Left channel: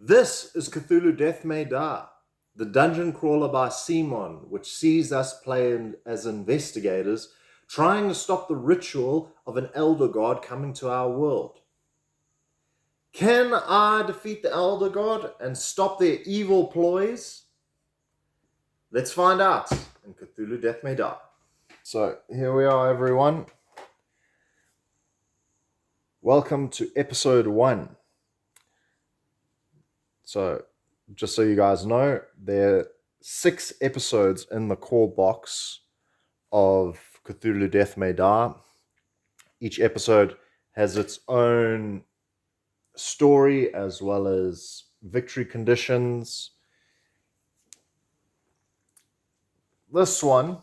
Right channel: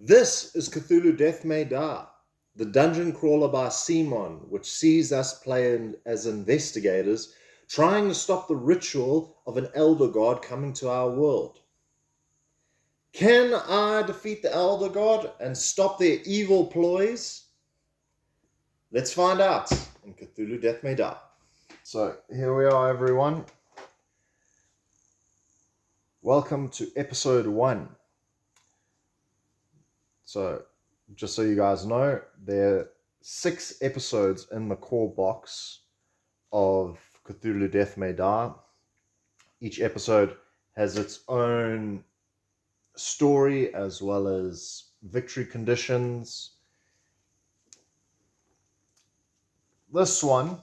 This is Cthulhu Death May Die, the dungeon crawler by Cmon, which sees us play as investigators trying to stop the ritual of an elder god coming to our world. Can I defeat the elder god and stop their evil ploys? Let's find out in Cthulhu Death May Die. So here we are, everyone. Welcome to episode 1. So, just so you guys know, there are 6 episodes in the core box of Cthulhu Death May Die. Each episode has its own story as well as victory conditions. This one,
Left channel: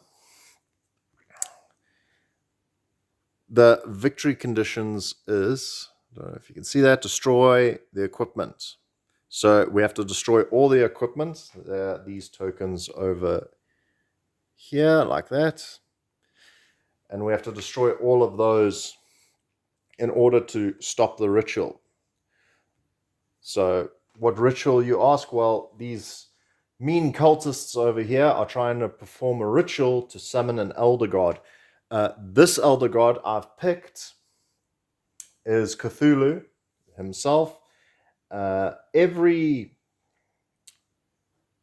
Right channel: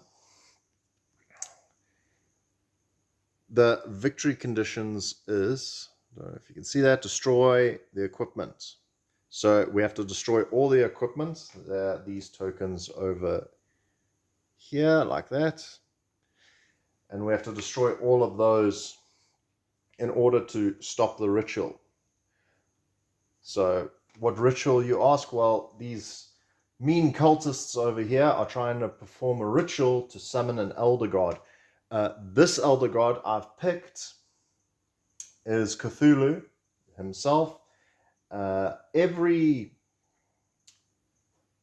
the victory conditions is, I don't know if you can see that, destroy the equipment. So we have to destroy all the equipment. There are these tokens over here like that. And we have to destroy all of those in order to stop the ritual. So what ritual, you ask? Well, these mean cultists over here are trying to perform a ritual to summon an elder god. This elder god I've picked is Cthulhu himself. Every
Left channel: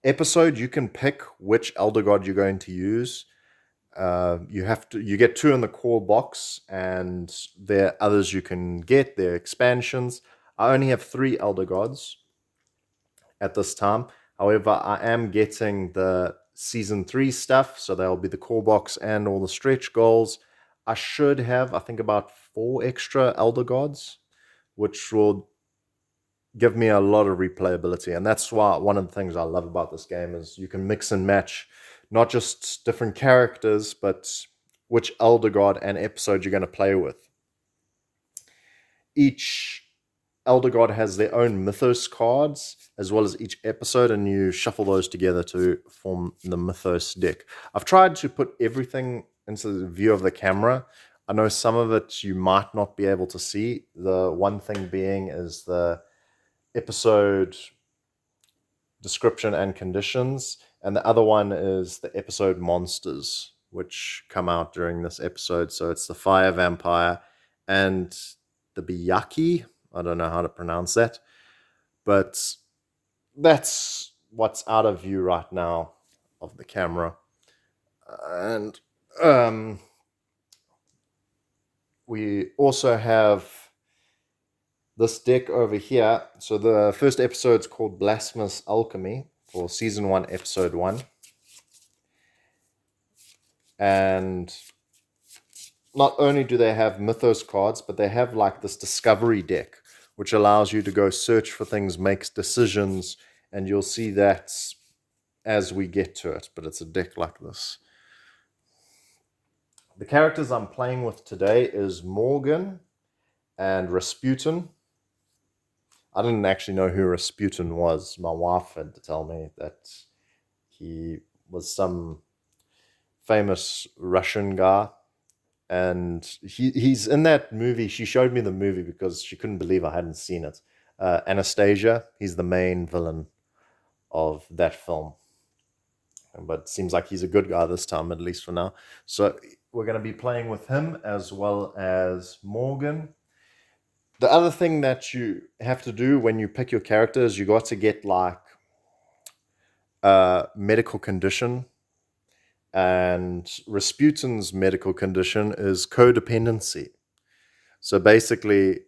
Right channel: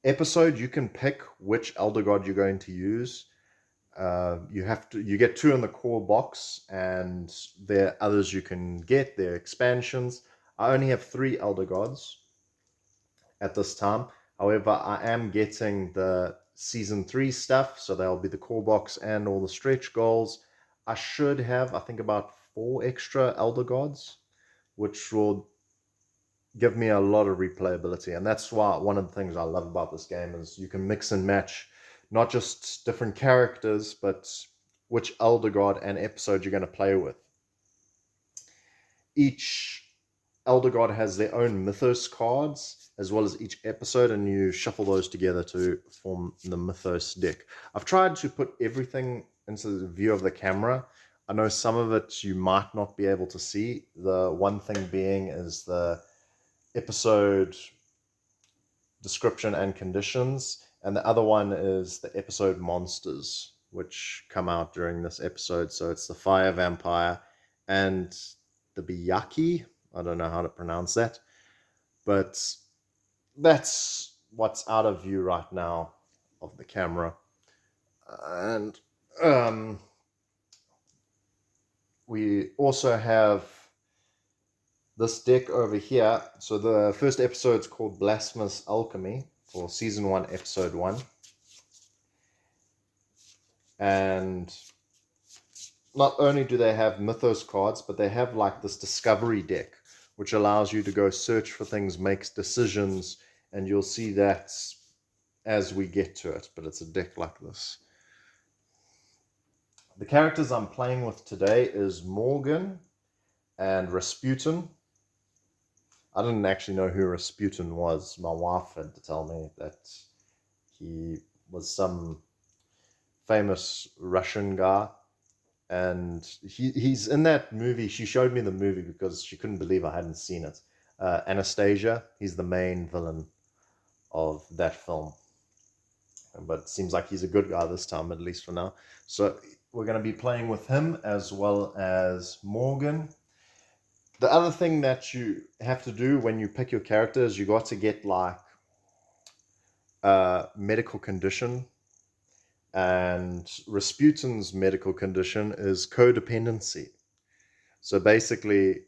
episode you can pick which elder god you're going to use. You get 2 in the core box, and there are others you can get. They're expansions. I only have 3 elder gods at this time. However, I am getting the season 3 stuff, so there'll be the core box and all the stretch goals. I should have, I think, about 4 extra elder gods, which will give me a lot of replayability. And that's why one of the things I love about this game is you can mix and match not just different characters, but which elder god and episode you're going to play with. Each elder god has their own mythos cards as well as each episode, and you shuffle those together to form the mythos deck. I've tried to put everything into the view of the camera. I know some of it you might not be able to see. The one thing being is the episode description and conditions, and the other one is the episode monsters, which come out during this episode. So it's the fire vampire and the biyaki. I don't know how to pronounce that, but that's what's out of view right now of the camera. And we also have this deck over here. So the first episode's called Blasphemous Alchemy for season 1, episode 1. And not only do they have mythos cards, but they have like this discovery deck, which allows you to go search for things, makes decisions, and you'll see that as we get to it. But it's a deck like this. The characters I'm playing with today is Morgan and Rasputin. I didn't actually know who Rasputin was. My wife had to tell me that he was some famous Russian guy. And he's in that movie. She showed me the movie because she couldn't believe I hadn't seen it. Anastasia, he's the main villain of that film. But it seems like he's a good guy this time, at least for now. So we're going to be playing with him as well as Morgan. The other thing that you have to do when you pick your character is you got to get like a medical condition. And Rasputin's medical condition is codependency. So basically,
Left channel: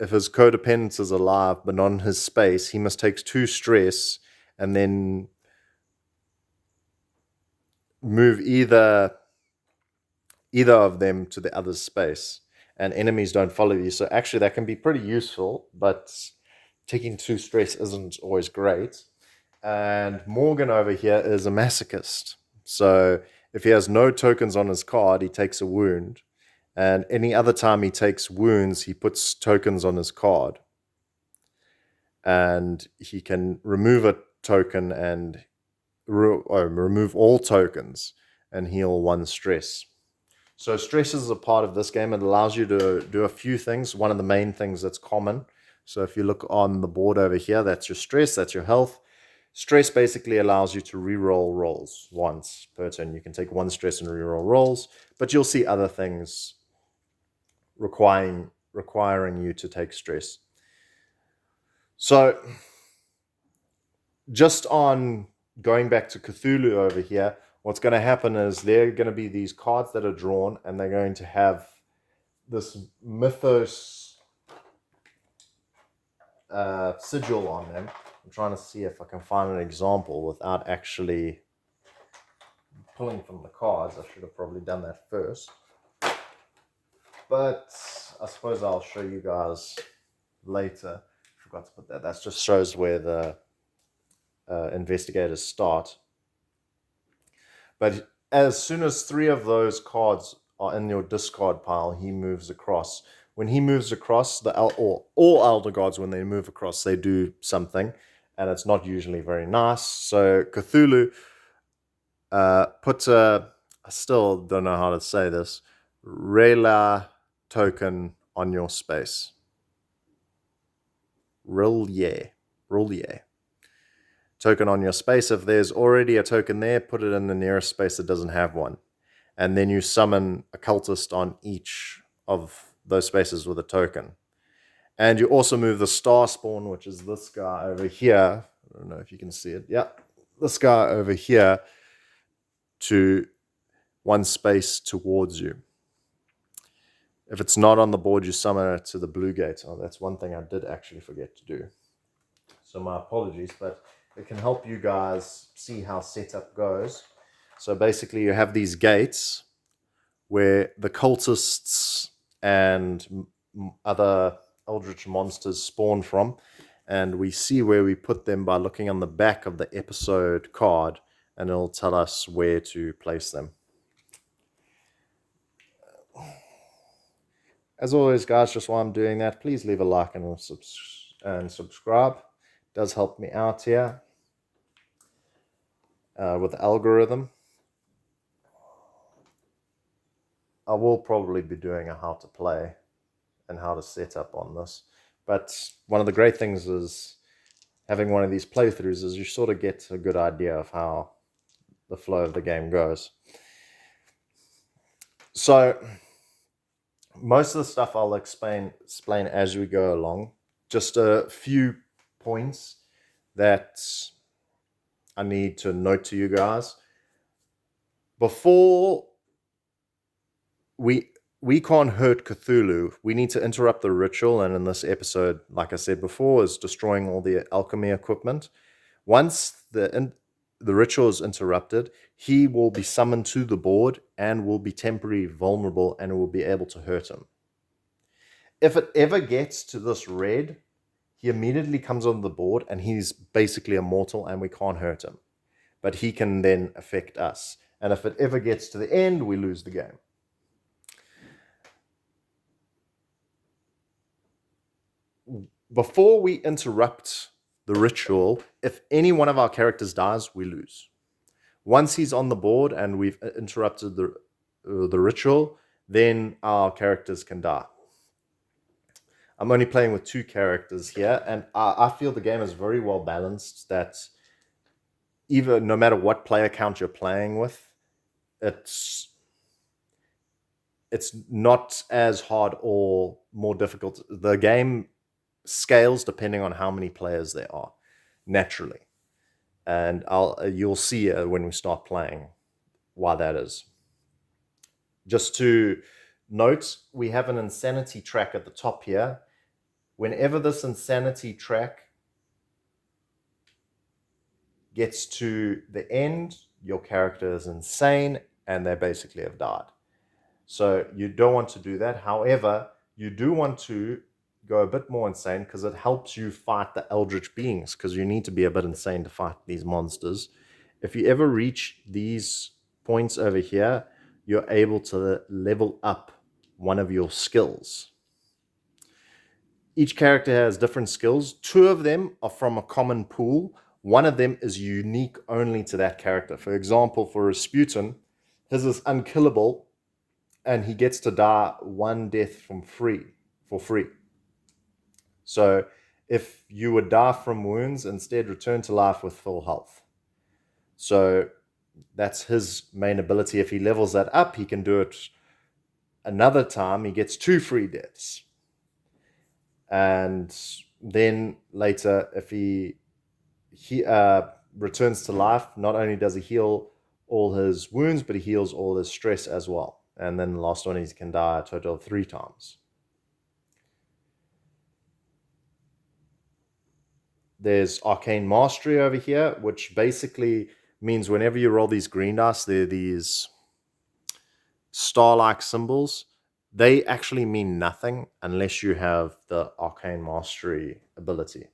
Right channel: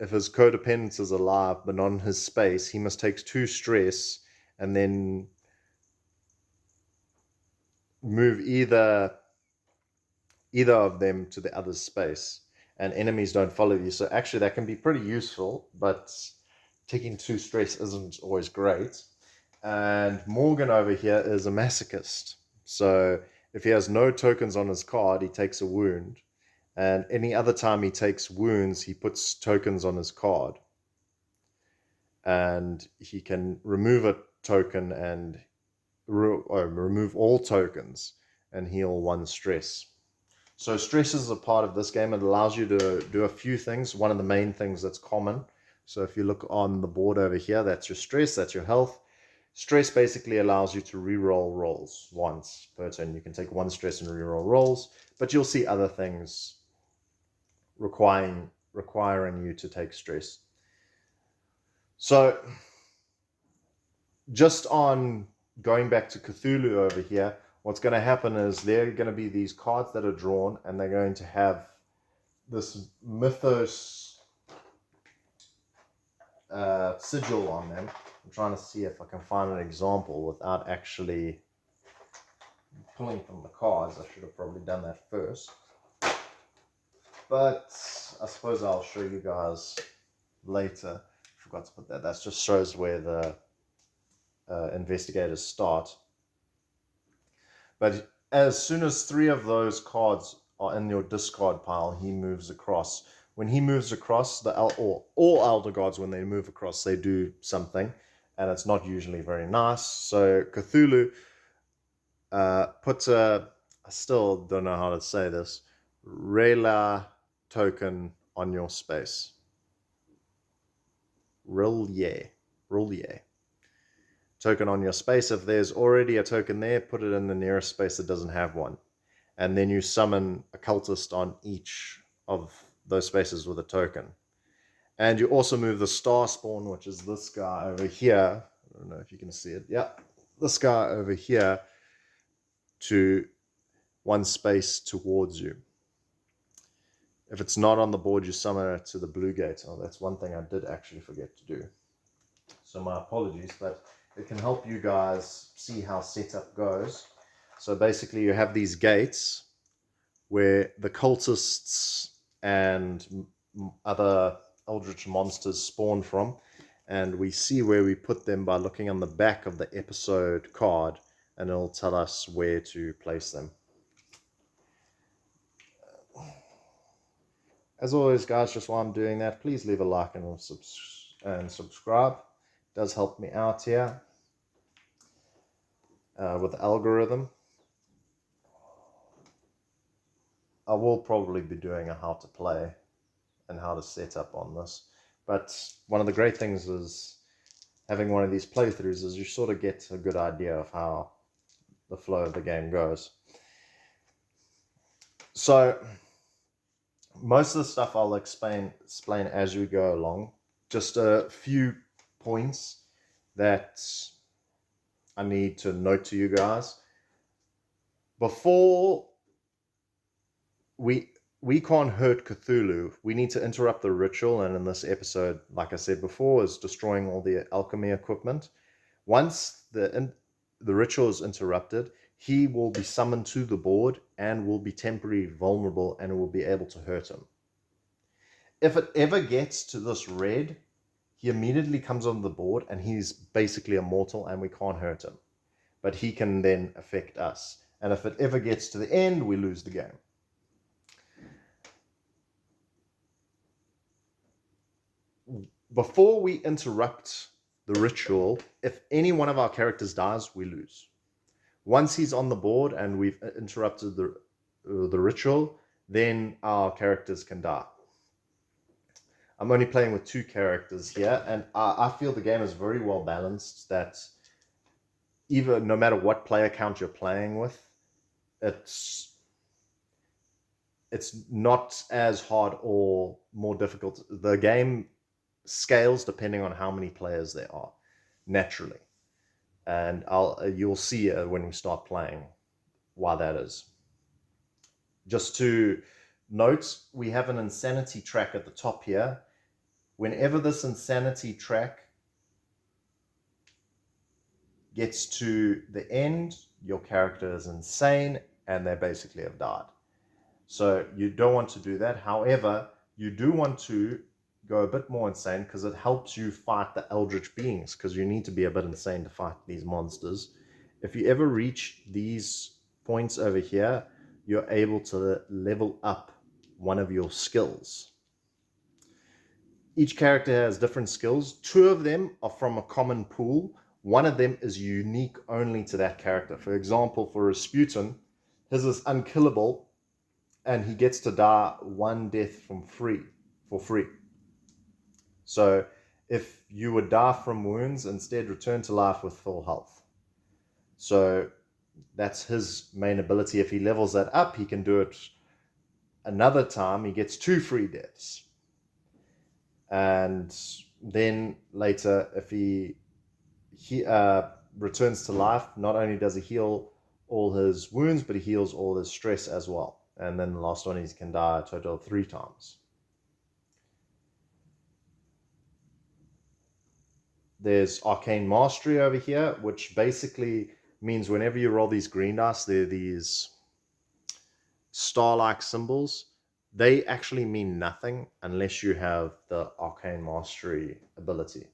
if his codependent is alive but not in his space, he must take 2 stress and then move either of them to the other's space, and enemies don't follow you. So actually that can be pretty useful, but taking 2 stress isn't always great. And Morgan over here is a masochist. So if he has no tokens on his card, he takes a wound. And any other time he takes wounds, he puts tokens on his card. And he can remove a token and remove all tokens and heal 1 stress. So stress is a part of this game. It allows you to do a few things. One of the main things that's common So if you look on the board over here, that's your stress, that's your health. Stress basically allows you to re-roll rolls once per turn. You can take one stress and re-roll rolls, but you'll see other things requiring you to take stress. So just on going back to Cthulhu over here, what's going to happen is there are going to be these cards that are drawn, and they're going to have this mythos sigil on them. I'm trying to see if I can find an example without actually pulling from the cards. I should have probably done that first. But I suppose I'll show you guys later. Forgot to put that. That just shows where the investigators start. But as soon as 3 of those cards are in your discard pile, he moves across. When he moves across, all Elder Gods, when they move across, they do something, and it's not usually very nice. So Cthulhu puts I still don't know how to say this, Rela token on your space. Rillier token on your space. If there's already a token there, put it in the nearest space that doesn't have one. And then you summon a cultist on each of those spaces with a token. And you also move the star spawn, which is this guy over here. I don't know if you can see it. Yeah, this guy over here to one space towards you. If it's not on the board, you summon it to the blue gate. Oh, that's one thing I did actually forget to do. So my apologies, but it can help you guys see how setup goes. So basically you have these gates where the cultists and other eldritch monsters spawn from, and we see where we put them by looking on the back of the episode card, and it'll tell us where to place them. As always, guys, just while I'm doing that, please leave a like and subscribe. It does help me out here with the algorithm. I will probably be doing a how to play and how to set up on this. But one of the great things is having one of these playthroughs is you sort of get a good idea of how the flow of the game goes. So most of the stuff I'll explain as we go along. Just a few points that I need to note to you guys. Before we can't hurt Cthulhu, we need to interrupt the ritual, and in this episode, like I said before, is destroying all the alchemy equipment. Once the ritual is interrupted, he will be summoned to the board and will be temporarily vulnerable, and it will be able to hurt him. If it ever gets to this red, he immediately comes on the board and he's basically immortal and we can't hurt him. But he can then affect us. And if it ever gets to the end, we lose the game. Before we interrupt the ritual, if any one of our characters dies, we lose. Once he's on the board and we've interrupted the ritual, then our characters can die. I'm only playing with 2 characters here, and I feel the game is very well balanced, that even no matter what player count you're playing with, it's not as hard or more difficult. The game scales depending on how many players there are, naturally. And you'll see when we start playing why that is. Just to note, we have an insanity track at the top here. Whenever this insanity track gets to the end, your character is insane and they basically have died. So you don't want to do that. However, you do want to go a bit more insane because it helps you fight the eldritch beings, because you need to be a bit insane to fight these monsters. If you ever reach these points over here, you're able to level up one of your skills. Each character has different skills. 2 of them are from a common pool. One of them is unique only to that character. For example, for Rasputin, his is unkillable, and he gets to die 1 death for free. So if you would die from wounds, instead return to life with full health. So that's his main ability. If he levels that up, he can do it another time. He gets 2 free deaths. And then later, if he returns to life, not only does he heal all his wounds, but he heals all his stress as well. And then the last one, he can die a total of 3 times. There's Arcane Mastery over here, which basically means whenever you roll these green dice, they're these star-like symbols. They actually mean nothing unless you have the Arcane Mastery ability.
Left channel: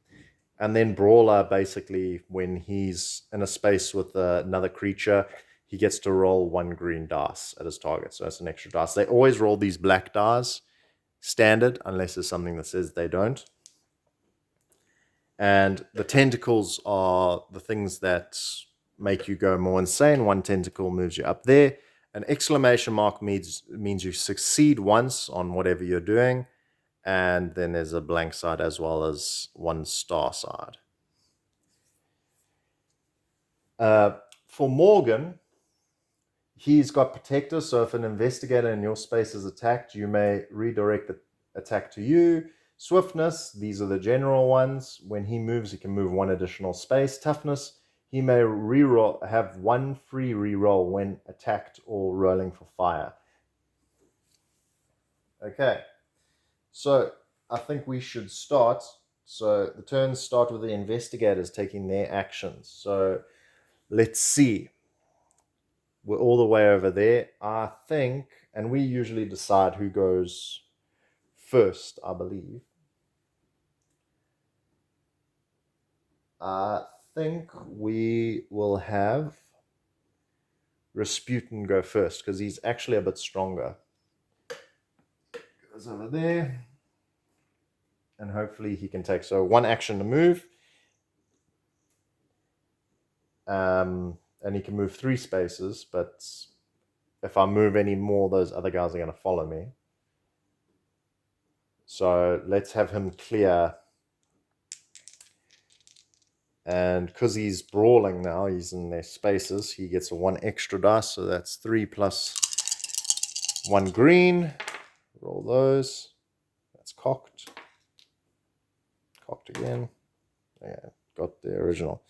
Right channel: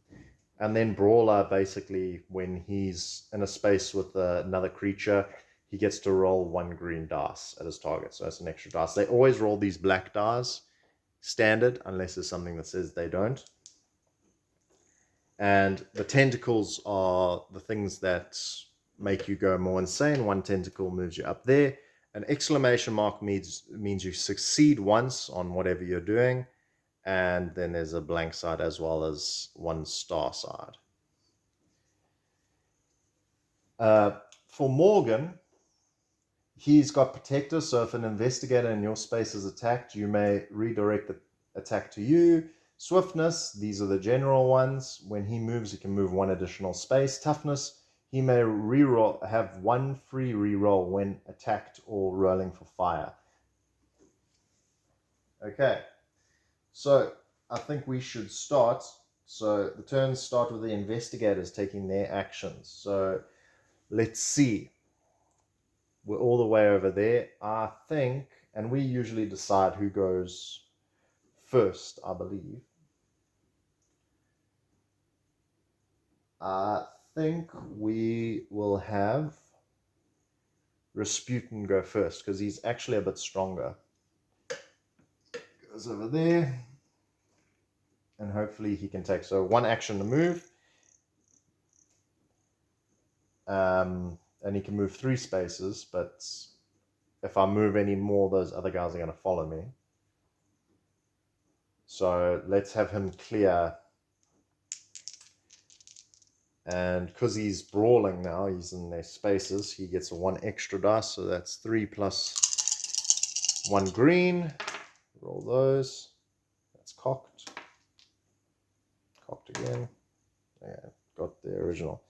And then Brawler, basically, when he's in a space with another creature, he gets to roll 1 green dice at his target. So that's an extra dice. They always roll these black dice standard, unless there's something that says they don't. And the tentacles are the things that make you go more insane. 1 tentacle moves you up there. An exclamation mark means you succeed once on whatever you're doing. And then there's a blank side as well as 1 star side. For Morgan, he's got Protector. So if an investigator in your space is attacked, you may redirect the attack to you. Swiftness, these are the general ones. When he moves, he can move 1 additional space. Toughness, he may have 1 free reroll when attacked or rolling for fire. Okay, so I think we should start. So the turns start with the investigators taking their actions. So let's see. We're all the way over there, I think, and we usually decide who goes first, I believe. I think we will have Rasputin go first because he's actually a bit stronger. Goes over there, and hopefully he can take 1 action to move. And he can move 3 spaces, but if I move any more, those other guys are going to follow me. So let's have him clear. And because he's brawling now, he's in their spaces, he gets a 1 extra dice. So that's 3 plus 1 green. Roll those. That's cocked. Cocked again. Yeah, got the original.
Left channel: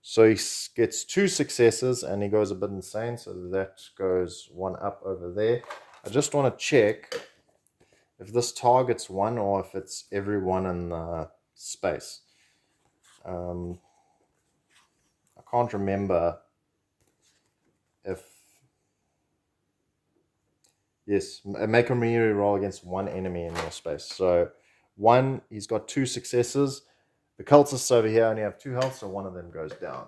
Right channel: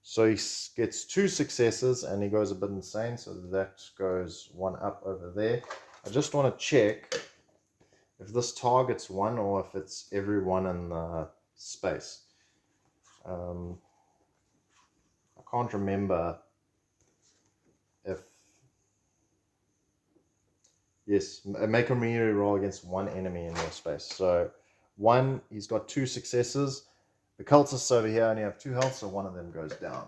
So he gets 2 successes and he goes a bit insane. So that goes 1 up over there. I just want to check if this targets 1 or if it's everyone in the space. I can't remember if... Yes, make a melee roll against 1 enemy in your space. So 1, he's got 2 successes. The cultists over here only have 2 health, so 1 of them goes down.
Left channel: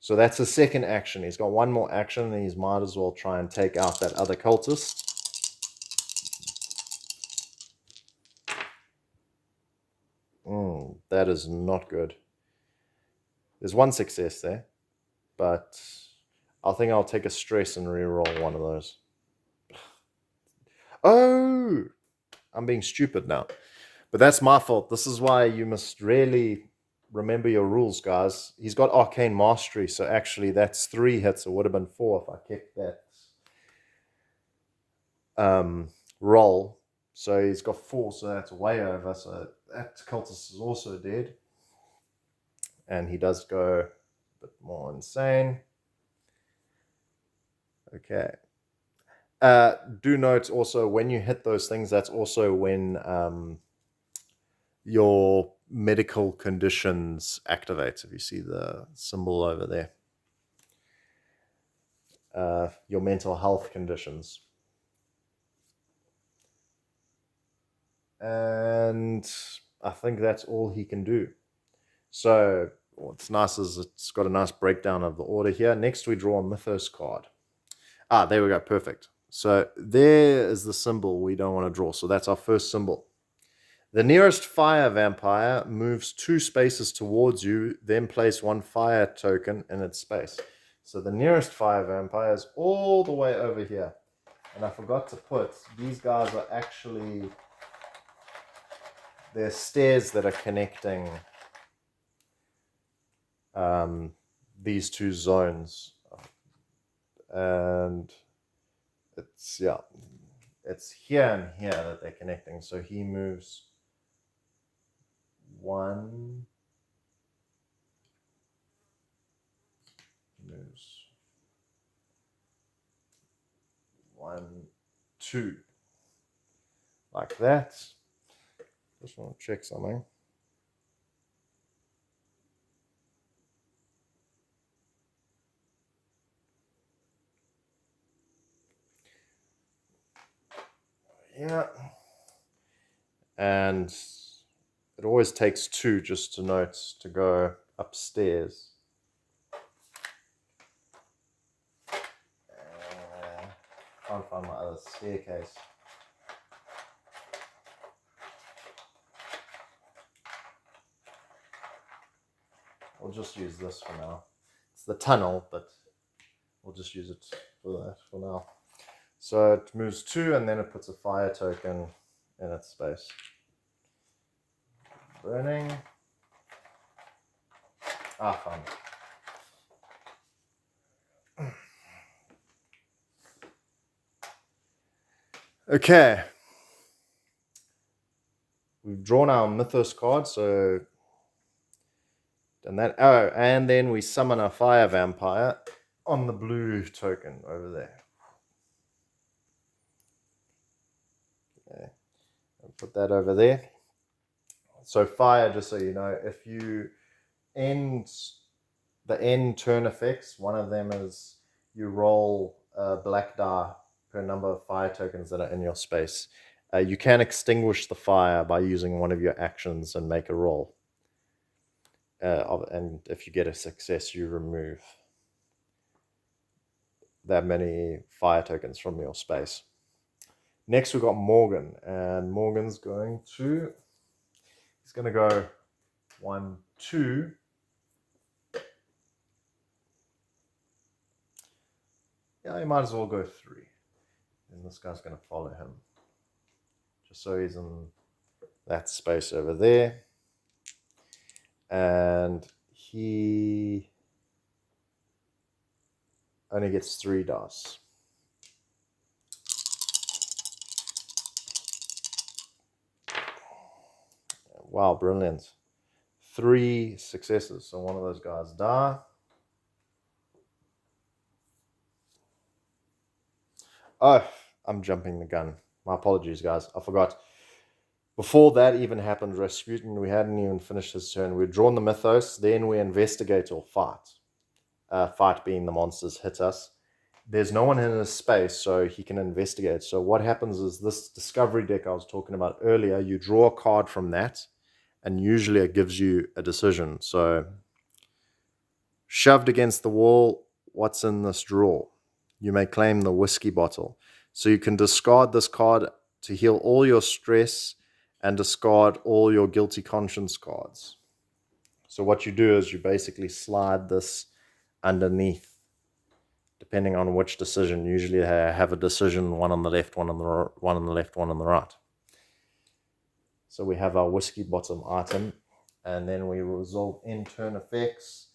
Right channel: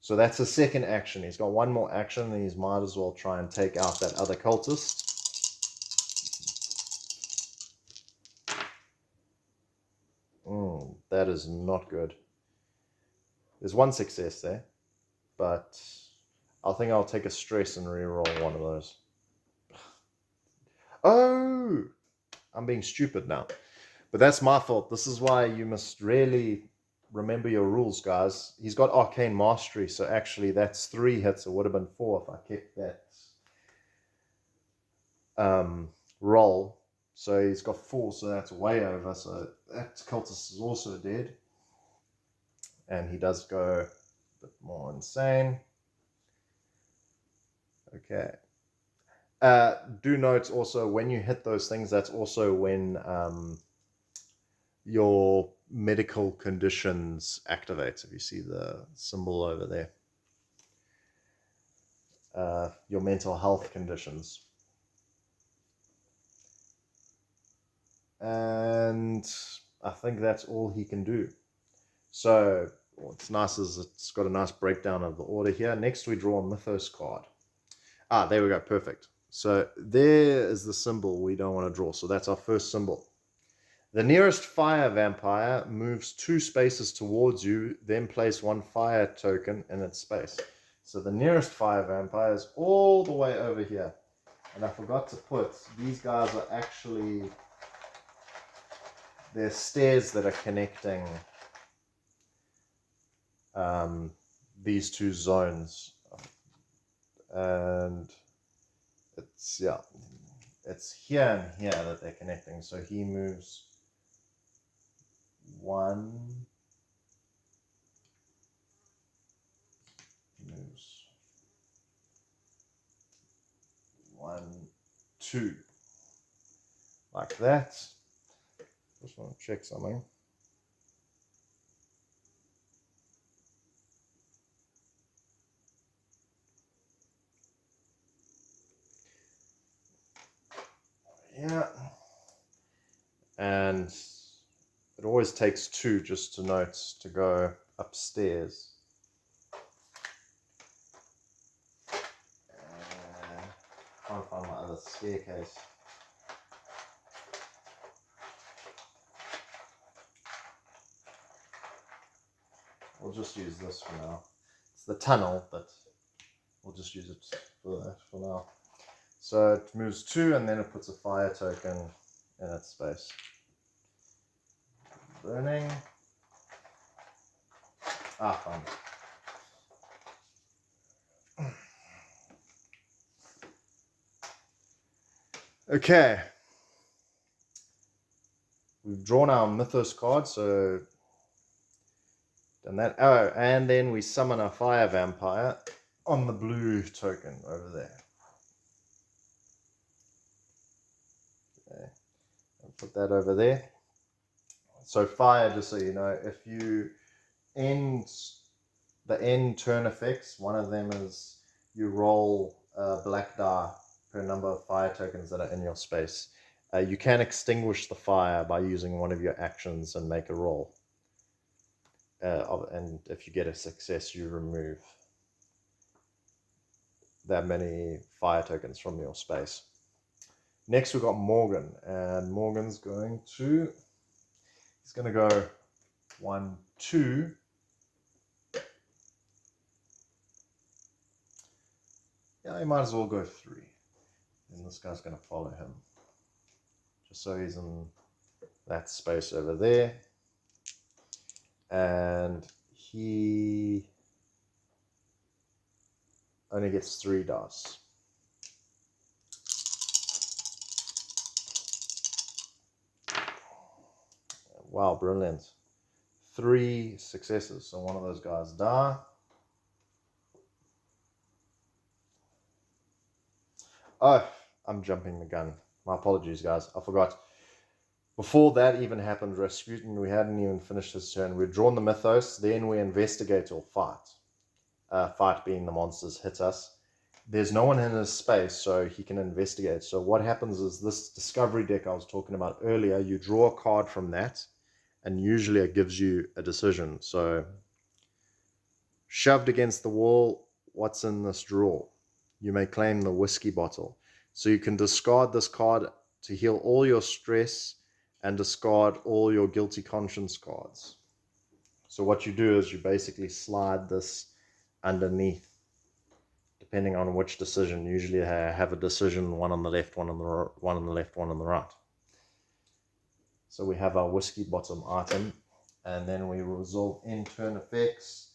So that's his second action. He's got 1 more action, and he might as well try and take out that other cultist. That is not good. There's 1 success there, but I think I'll take a stress and reroll 1 of those. Oh! I'm being stupid now. But that's my fault. This is why you must really remember your rules, guys. He's got Arcane Mastery, so actually that's 3 hits. It would have been 4 if I kept that roll. So he's got 4, so that's way over. So that cultist is also dead. And he does go a bit more insane. Okay. Do note also, when you hit those things, that's also when your medical conditions activate. If you see the symbol over there. Your mental health conditions. And I think that's all he can do. So what's nice is it's got a nice breakdown of the order here. Next we draw a Mythos card. There we go, perfect. So there is the symbol we don't want to draw. So that's our first symbol. The nearest fire vampire moves 2 spaces towards you, then place 1 fire token in its space. So the nearest fire vampire is all the way over here. And I forgot to put, these guys are actually, they're stairs that are connecting these two zones. And it's, yeah, it's here and here that they're connecting. So he moves 1, moves 1, 2, like that. Just want to check something. Yeah. And it always takes 2 just to note to go upstairs. And can't find my other staircase. We'll just use this for now. It's the tunnel, but we'll just use it for that for now. So it moves 2 and then it puts a fire token in its space. Burning. Found it. Okay. We've drawn our Mythos card, so done that. Oh, and then we summon a fire vampire on the blue token over there. Okay. I'll put that over there. So fire, just so you know, if you end the end turn effects, one of them is you roll a black die per number of fire tokens that are in your space. You can extinguish the fire by using one of your actions and make a roll. And if you get a success, you remove that many fire tokens from your space. Next, we've got Morgan, and Morgan's going to, he's going to go 1, 2. Yeah, he might as well go 3. And this guy's going to follow him. Just so he's in that space over there. And he only gets 3 dice. Wow, brilliant. 3 successes. So one of those guys die. Oh, I'm jumping the gun. My apologies, guys. I forgot. Before that even happened, Rasputin, we hadn't even finished his turn. We'd drawn the Mythos, then we investigate or fight. Fight being the monsters hit us. There's no one in his space, so he can investigate. So what happens is this discovery deck I was talking about earlier, you draw a card from that, and usually it gives you a decision. So, shoved against the wall, what's in this drawer? You may claim the whiskey bottle. So you can discard this card to heal all your stress and discard all your guilty conscience cards. So what you do is you basically slide this underneath, depending on which decision. Usually I have a decision, one on the left, one on the left, one on the right. So we have our whiskey bottom item, and then we resolve end turn effects.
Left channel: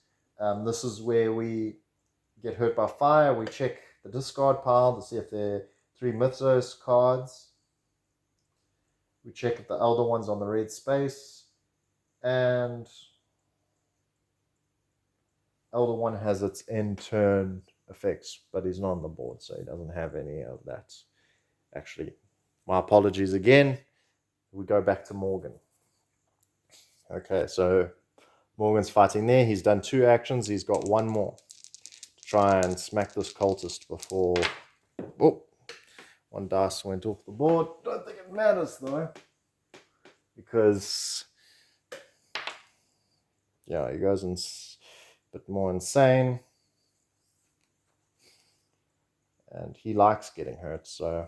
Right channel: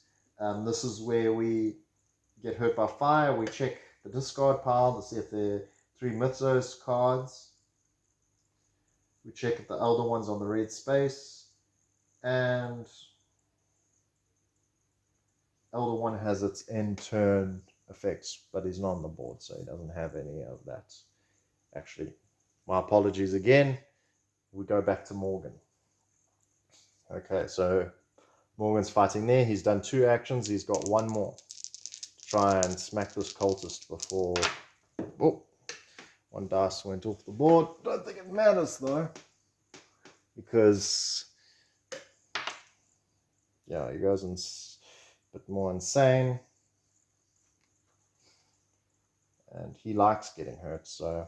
This is where we get hurt by fire. We check the discard pile to see if there are 3 Mythos cards. We check if the elder one's on the red space, and elder one has its end turn effects, but he's not on the board, so he doesn't have any of that. Actually, my apologies again. We go back to Morgan. Okay, so Morgan's fighting there. He's done 2 actions. He's got 1 more to try and smack this cultist before... Oh, 1 dice went off the board. Don't think it matters, though, because... yeah, he goes a bit more insane. And he likes getting hurt, so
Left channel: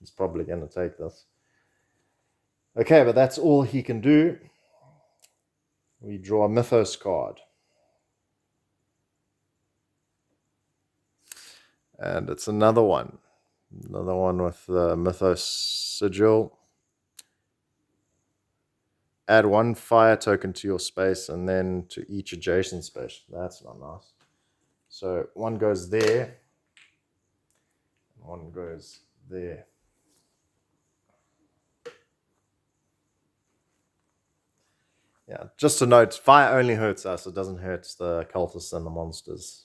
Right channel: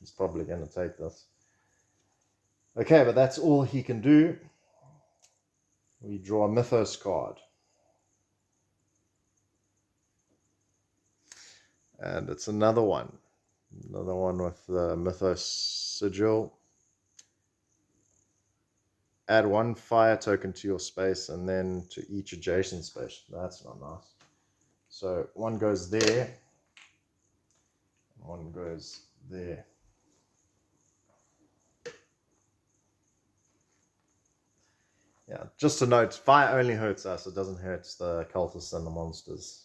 he's probably going to take this. Okay, but that's all he can do. We draw a Mythos card. And it's another one. Another one with the Mythos sigil. Add 1 fire token to your space and then to each adjacent space. That's not nice. So 1 goes there. 1 goes there. Yeah, just a note, fire only hurts us. It doesn't hurt the cultists and the monsters.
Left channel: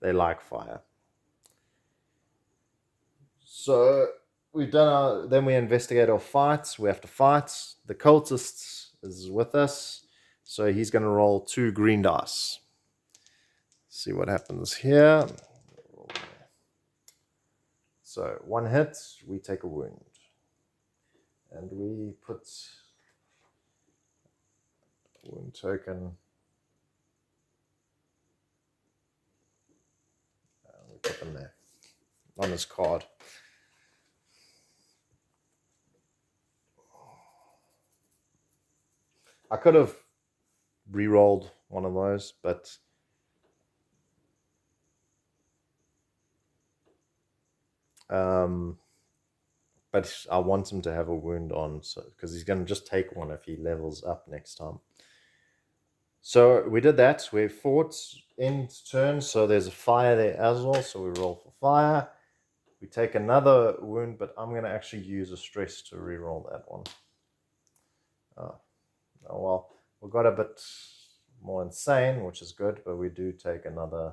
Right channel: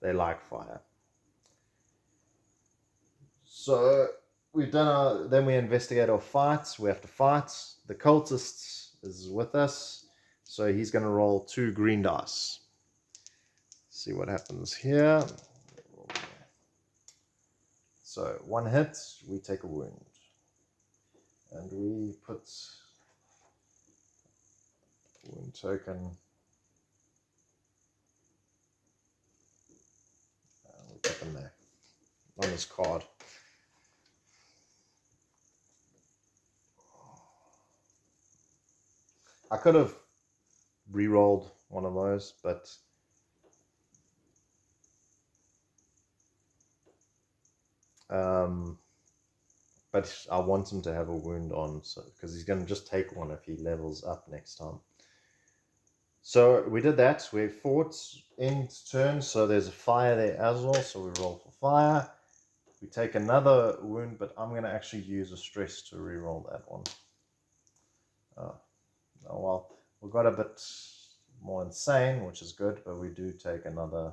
They like fire. So we've done then we investigate our fights. We have to fight. The cultist is with us. So he's going to roll 2 green dice. See what happens here. So 1 hit, we take a wound. And we put wound token. We put them there on this card. I could have re-rolled one of those, but I want him to have a wound on, so because he's going to just take one if he levels up next time. So we did that. We fought end turn, so there's a fire there as well. So we roll for fire. We take another wound, but I'm going to actually use a stress to re-roll that one. Oh well, we got a bit more insane, which is good, but we do take another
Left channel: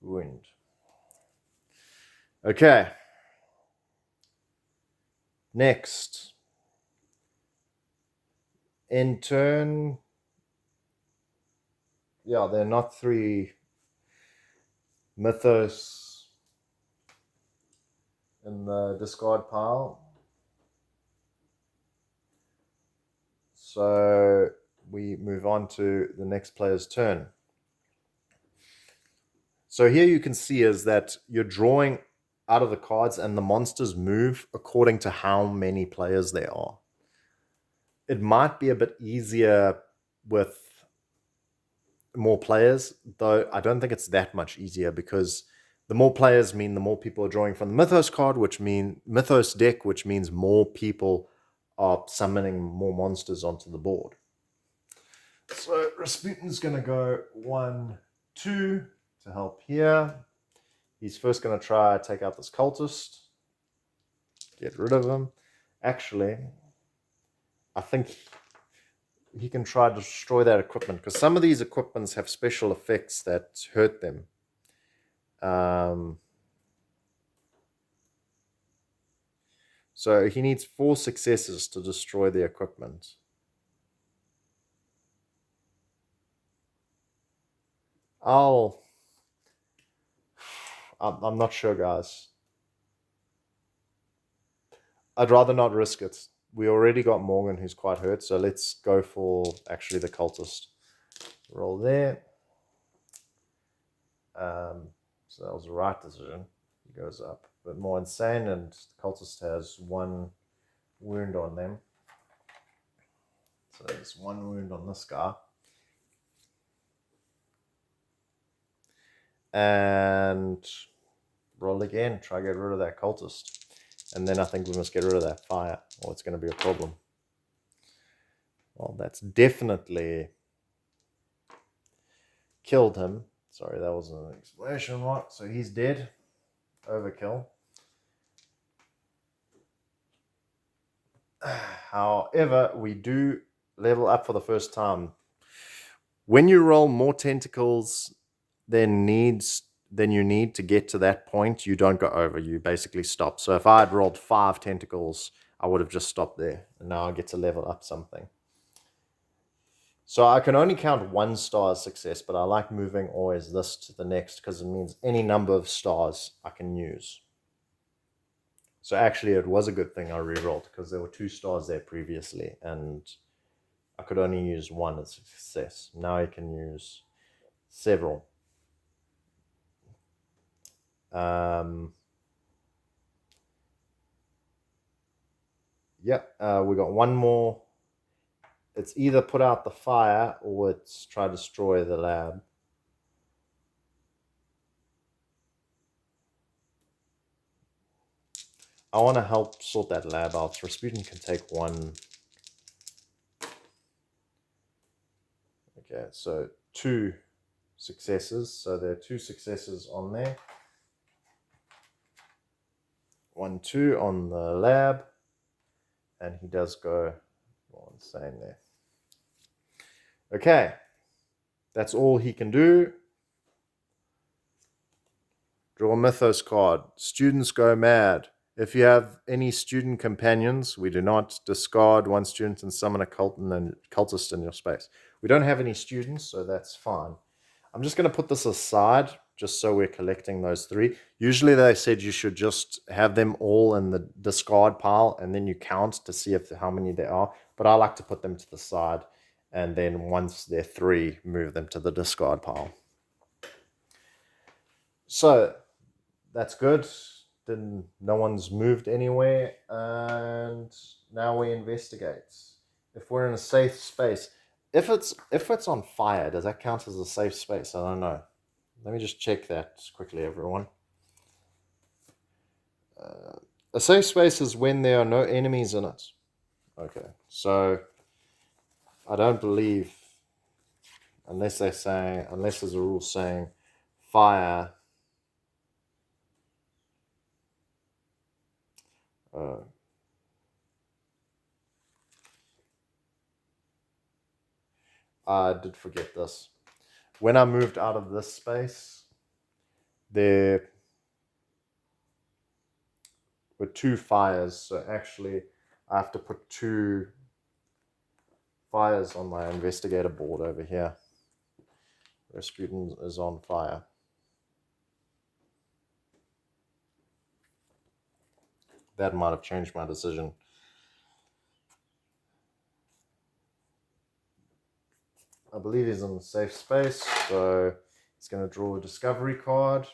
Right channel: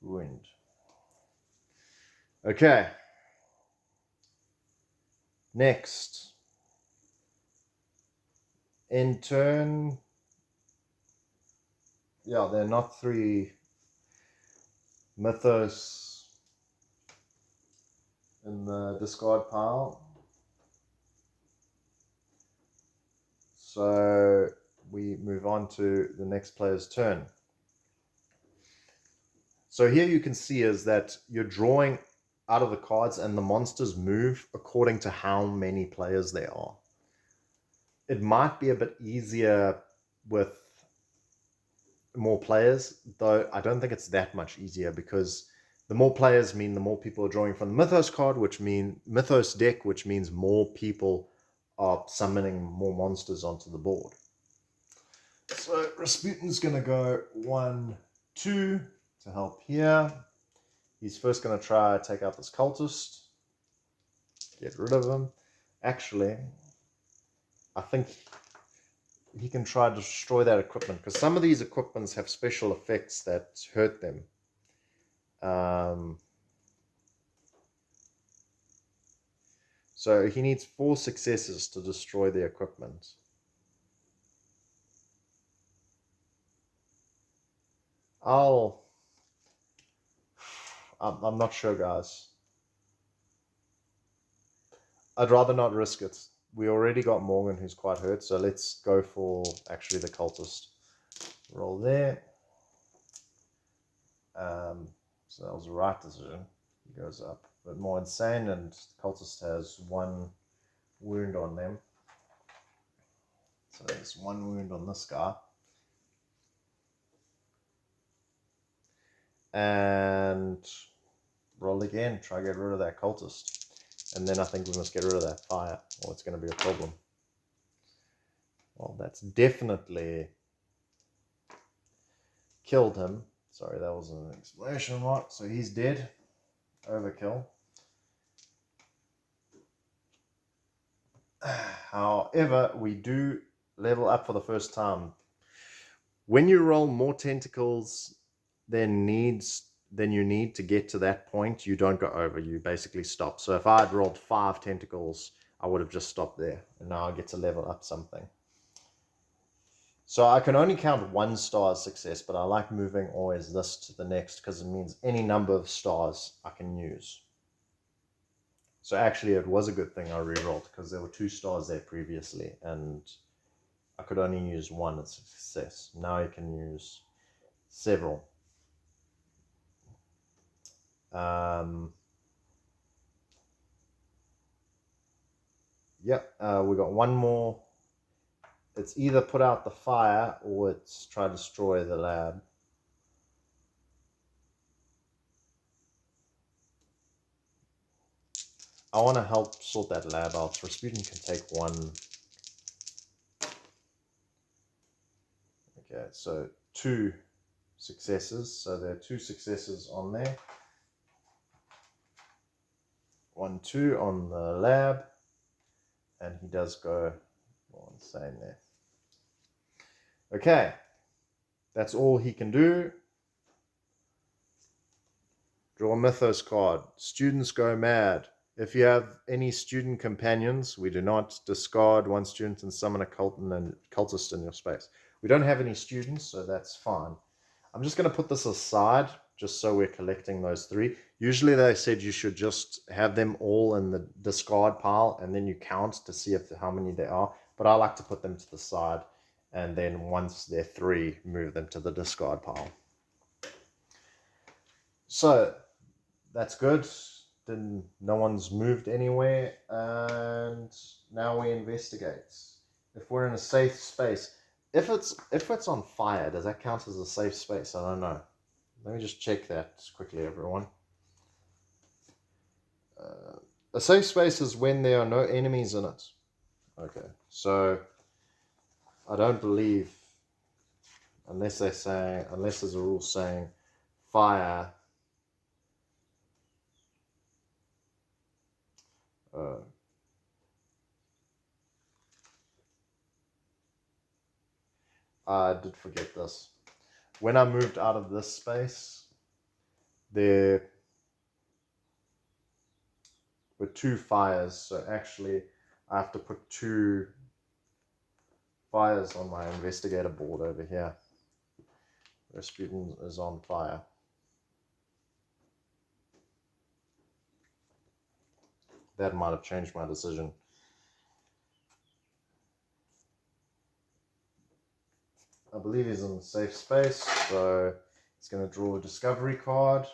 wound. Okay. Next. In turn, yeah, they're not 3 Mythos in the discard pile. So we move on to the next player's turn. So here you can see is that you're drawing out of the cards and the monsters move according to how many players there are. It might be a bit easier with more players, though I don't think it's that much easier because the more players mean the more people are drawing from the Mythos card, which means Mythos deck, which means more people are summoning more monsters onto the board. So Rasputin's going to go 1, 2 to help here. He's first going to try to take out this cultist. Get rid of him. Actually, I think he can try to destroy that equipment because some of these equipments have special effects that hurt them. So he needs 4 successes to destroy the equipment. I'm not sure, guys. I'd rather not risk it. We already got Morgan, who's quite hurt, so let's go for actually the cultist. Roll there. So that was the right decision. He goes up. But more insane, and the cultist has 1 wound on them. So there's 1 wound on this guy. And roll again. Try to get rid of that cultist. And then I think we must get rid of that fire, or it's going to be a problem. Well, that's definitely killed him. Sorry, that was an explanation mark. So he's dead. Overkill. However, we do level up for the first time. When you roll more tentacles than you need to get to that point, you don't go over. You basically stop. So if I had rolled 5 tentacles, I would have just stopped there. And now I get to level up something. So I can only count 1 star as success, but I like moving always this to the next because it means any number of stars I can use. So actually it was a good thing I re-rolled because there were 2 stars there previously and I could only use 1 as success. Now I can use several. We got 1 more. It's either put out the fire or it's try to destroy the lab. I want to help sort that lab out. Rasputin can take one. Okay, so 2 successes. So there are 2 successes on there. 1, 2 on the lab. And he does go insane there. Okay. That's all he can do. Draw a Mythos card. Students go mad. If you have any student companions, we do not discard 1 student and summon a cultist in your space. We don't have any students, so that's fine. I'm just going to put this aside just so we're collecting those 3. Usually they said you should just have them all in the discard pile and then you count to see how many there are. But I like to put them to the side and then once they're 3, move them to the discard pile. So that's good. Then no one's moved anywhere, and now we investigate. If we're in a safe space, if it's on fire, does that count as a safe space? I don't know. Let me just check that quickly, everyone. A safe space is when there are no enemies in it. Okay, so I don't believe, unless there's a rule saying fire. I did forget this. When I moved out of this space, there were 2 fires. So actually, I have to put 2 fires on my investigator board over here. Rasputin is on fire. That might have changed my decision. I believe he's in a safe space, so he's going to draw a discovery card.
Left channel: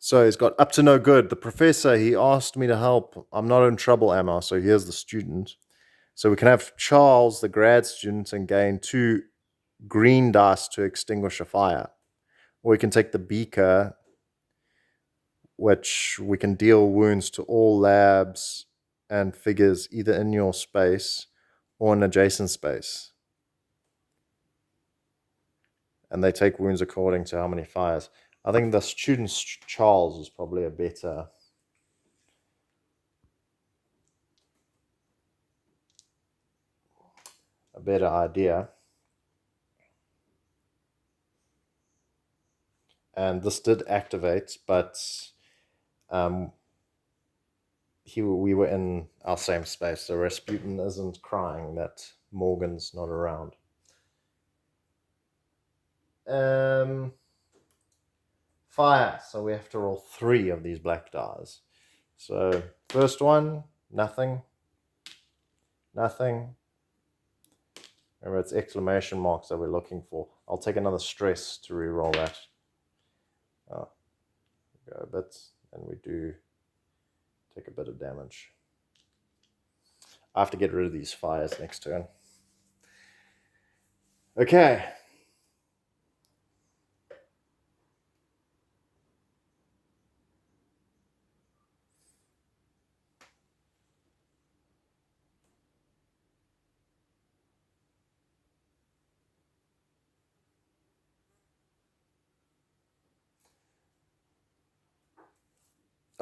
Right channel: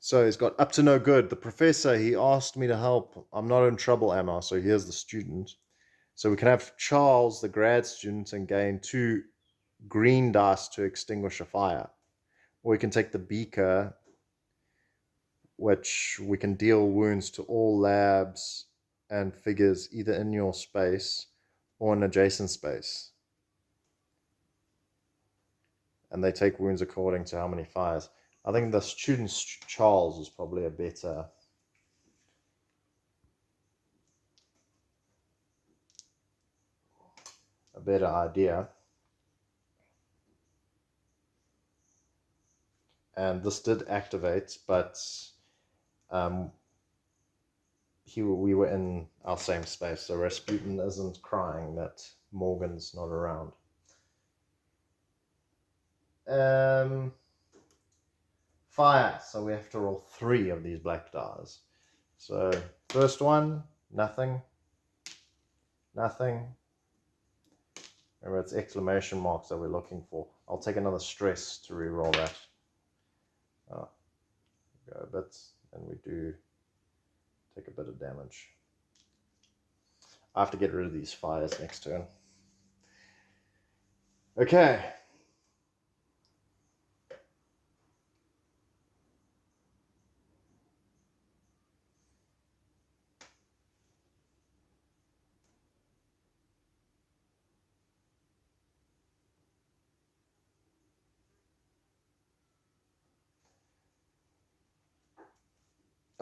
So he's got up to no good. The professor, he asked me to help. I'm not in trouble, am I? So here's the student. So we can have Charles, the grad student, and gain 2 green dice to extinguish a fire. Or we can take the beaker, which we can deal wounds to all labs and figures either in your space or an adjacent space. And they take wounds according to how many fires. I think the student Charles is probably a better idea. And this did activate, but we were in our same space, so Rasputin isn't crying that Morgan's not around. Fire, so we have to roll 3 of these black dice. So first one, nothing. Remember, it's exclamation marks that we're looking for. I'll take another stress to re-roll that. Go a bit, and we do take a bit of damage. I have to get rid of these fires next turn. Okay.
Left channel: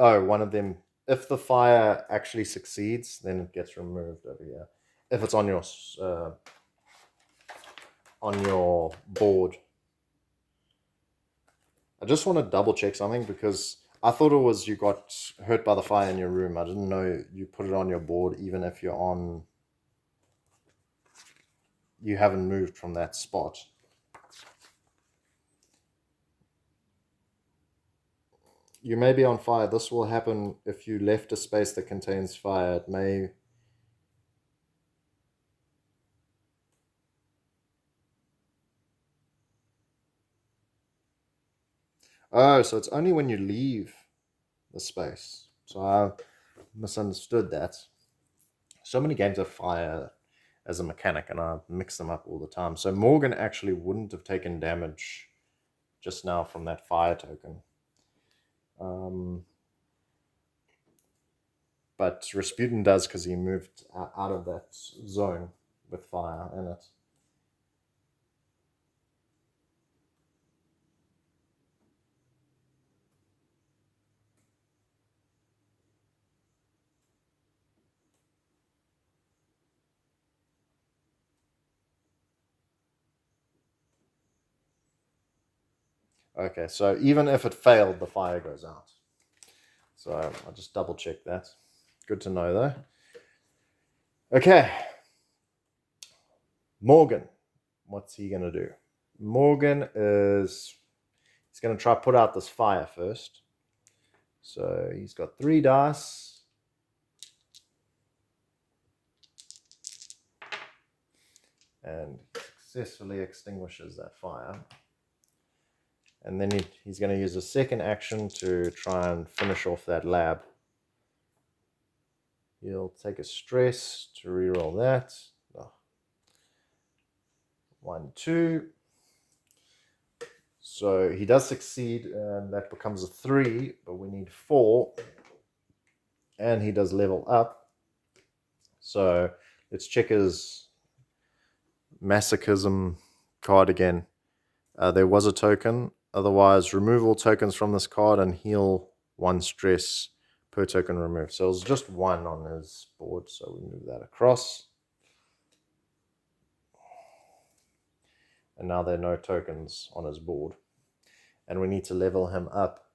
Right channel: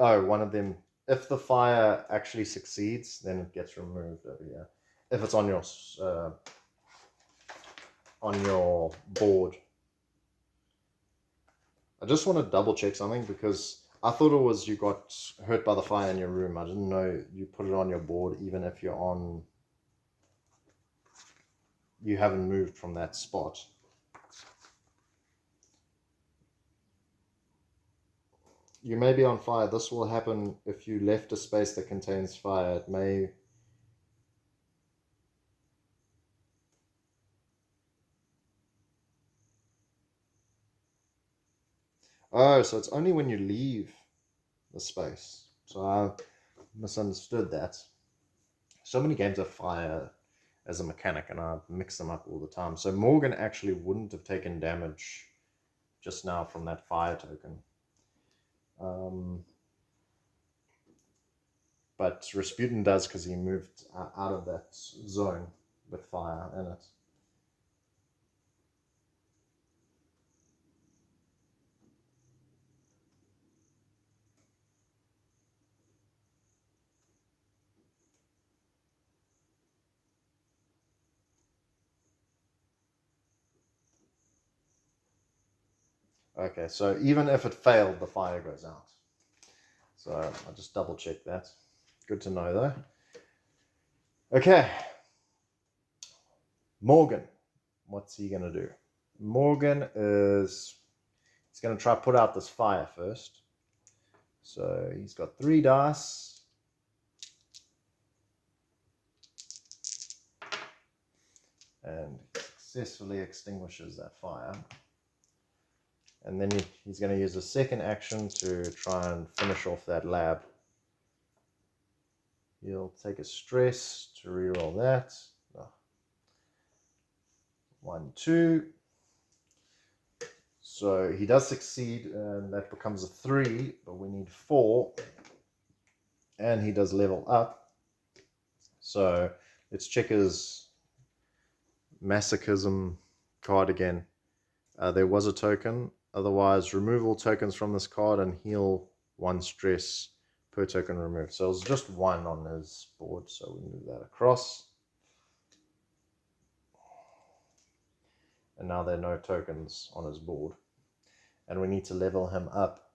Oh, one of them. If the fire actually succeeds, then it gets removed over here. If it's on your board. I just want to double check something because I thought it was you got hurt by the fire in your room. I didn't know you put it on your board even if you haven't moved from that spot. You may be on fire. This will happen if you left a space that contains fire. It may... Oh, so it's only when you leave the space. So I misunderstood that. So many games have fire as a mechanic, and I mix them up all the time. So Morgan actually wouldn't have taken damage just now from that fire token. But Rasputin does because he moved out of that zone with fire in it. Okay, so even if it failed, the fire goes out. So I'll just double check that. Good to know though. Okay. Morgan. What's he going to do? Morgan is... he's going to try to put out this fire first. So he's got 3 dice. And successfully extinguishes that fire. And then he's going to use a second action to try and finish off that lab. He'll take a stress to reroll that. 1, 2. So he does succeed, and that becomes a 3, but we need 4. And he does level up. So let's check his masochism card again. There was a token. Otherwise, remove all tokens from this card and heal 1 stress per token removed. So it's just 1 on his board, so we move that across. And now there are no tokens on his board. And we need to level him up.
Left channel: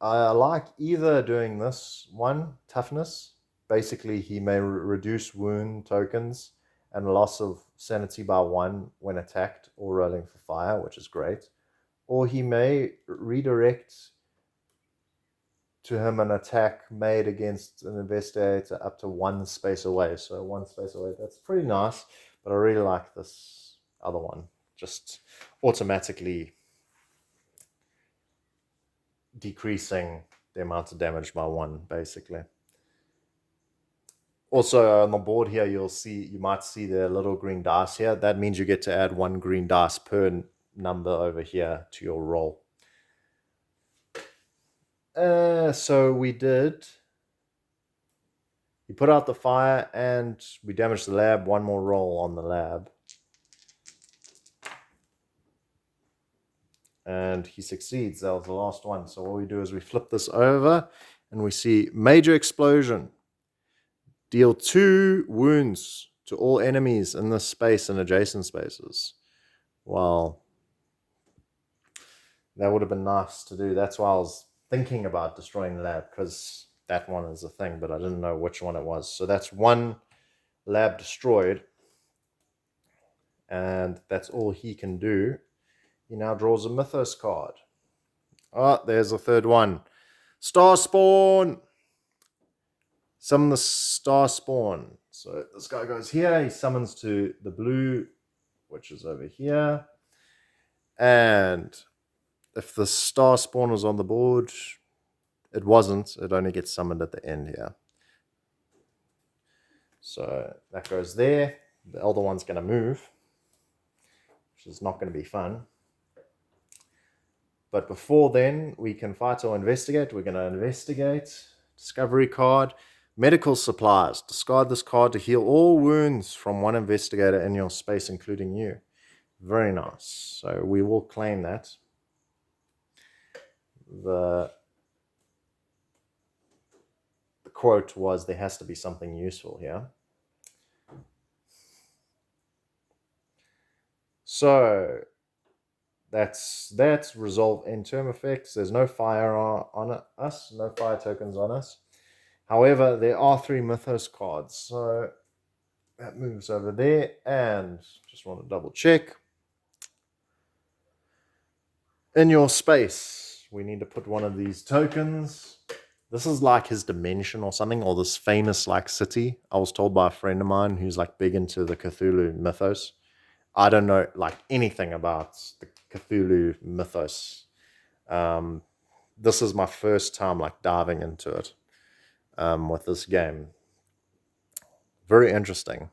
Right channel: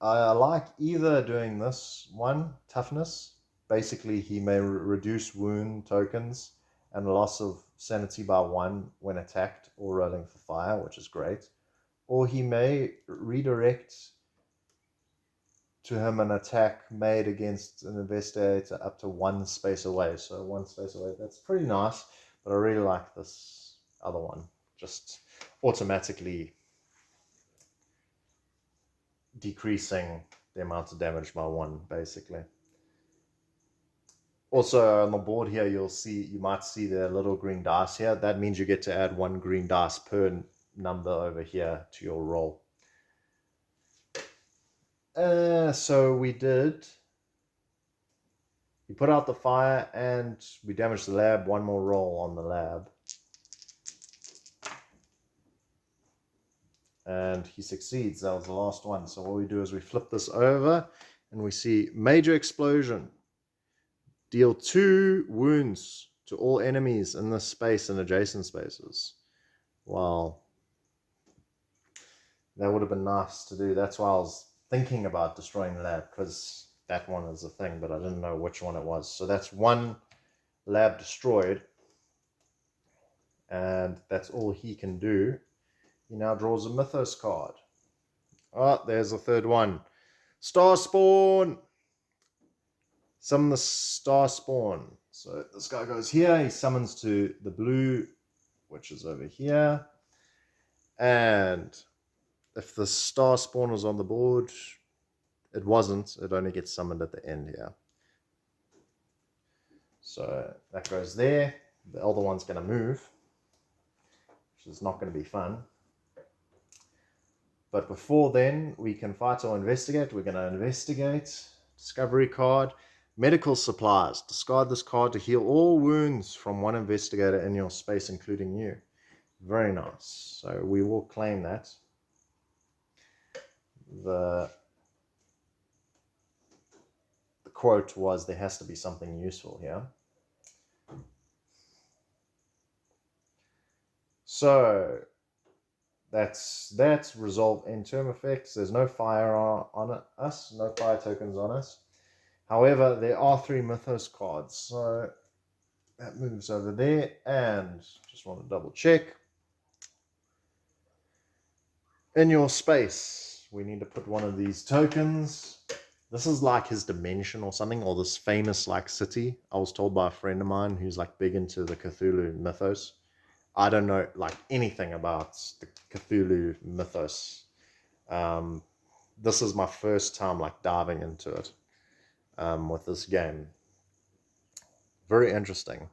I like either doing this one, toughness. Basically, he may reduce wound tokens and loss of sanity by 1 when attacked or rolling for fire, which is great. Or he may redirect to him an attack made against an investigator up to 1 space away. So 1 space away, that's pretty nice. But I really like this other one. Just automatically decreasing the amount of damage by 1, basically. Also on the board here, you might see the little green dice here. That means you get to add 1 green dice per number over here to your roll. So we did. We put out the fire and we damaged the lab. 1 more roll on the lab. And he succeeds. That was the last one. So what we do is we flip this over and we see major explosion. Deal 2 wounds to all enemies in this space and adjacent spaces. Well, that would have been nice to do. That's why I was thinking about destroying the lab, because that one is a thing, but I didn't know which one it was. So that's 1 lab destroyed. And that's all he can do. He now draws a Mythos card. Oh, there's a 3rd one. Star Spawn! Summon the Star Spawn. So this guy goes here. He summons to the blue, which is over here. And if the Star Spawn was on the board, it wasn't. It only gets summoned at the end here. So that goes there. The other one's going to move, which is not going to be fun. But before then, we can fight or investigate. We're going to investigate. Discovery card. Medical supplies. Discard this card to heal all wounds from 1 investigator in your space, including you. Very nice. So we will claim that. The quote was, there has to be something useful here. So that's resolve end term effects. There's no fire on us, no fire tokens on us. However, there are 3 Mythos cards, so that moves over there. And just want to double check. In your space, we need to put 1 of these tokens. This is like his dimension or something, or this famous like city. I was told by a friend of mine who's like big into the Cthulhu mythos. I don't know like anything about the Cthulhu mythos. This is my first time like diving into it with this game. Very interesting.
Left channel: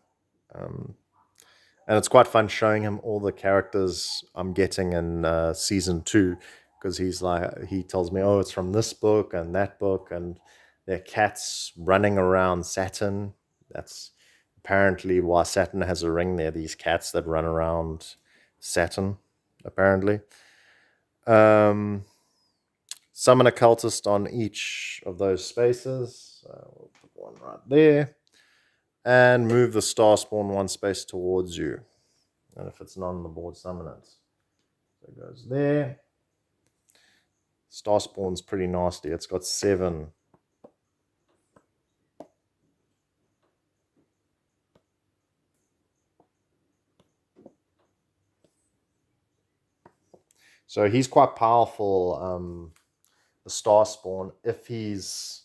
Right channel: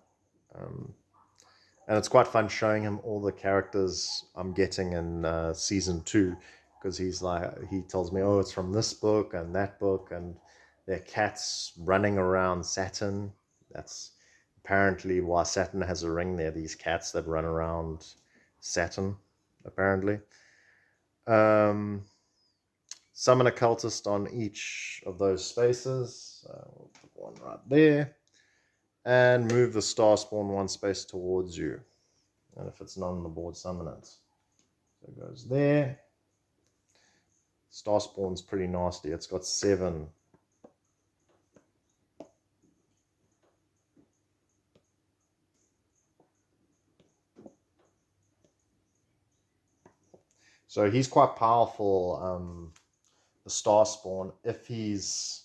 And it's quite fun showing him all the characters I'm getting in season 2, because he tells me, oh, it's from this book and that book, and they're cats running around Saturn. That's apparently why Saturn has a ring. There, these cats that run around Saturn, apparently. Summon a cultist on each of those spaces. We'll put one right there. And move the star spawn one space towards you. And if it's not on the board, summon it. So it goes there. Star spawn's pretty nasty. It's got 7. So he's quite powerful, the star spawn, if he's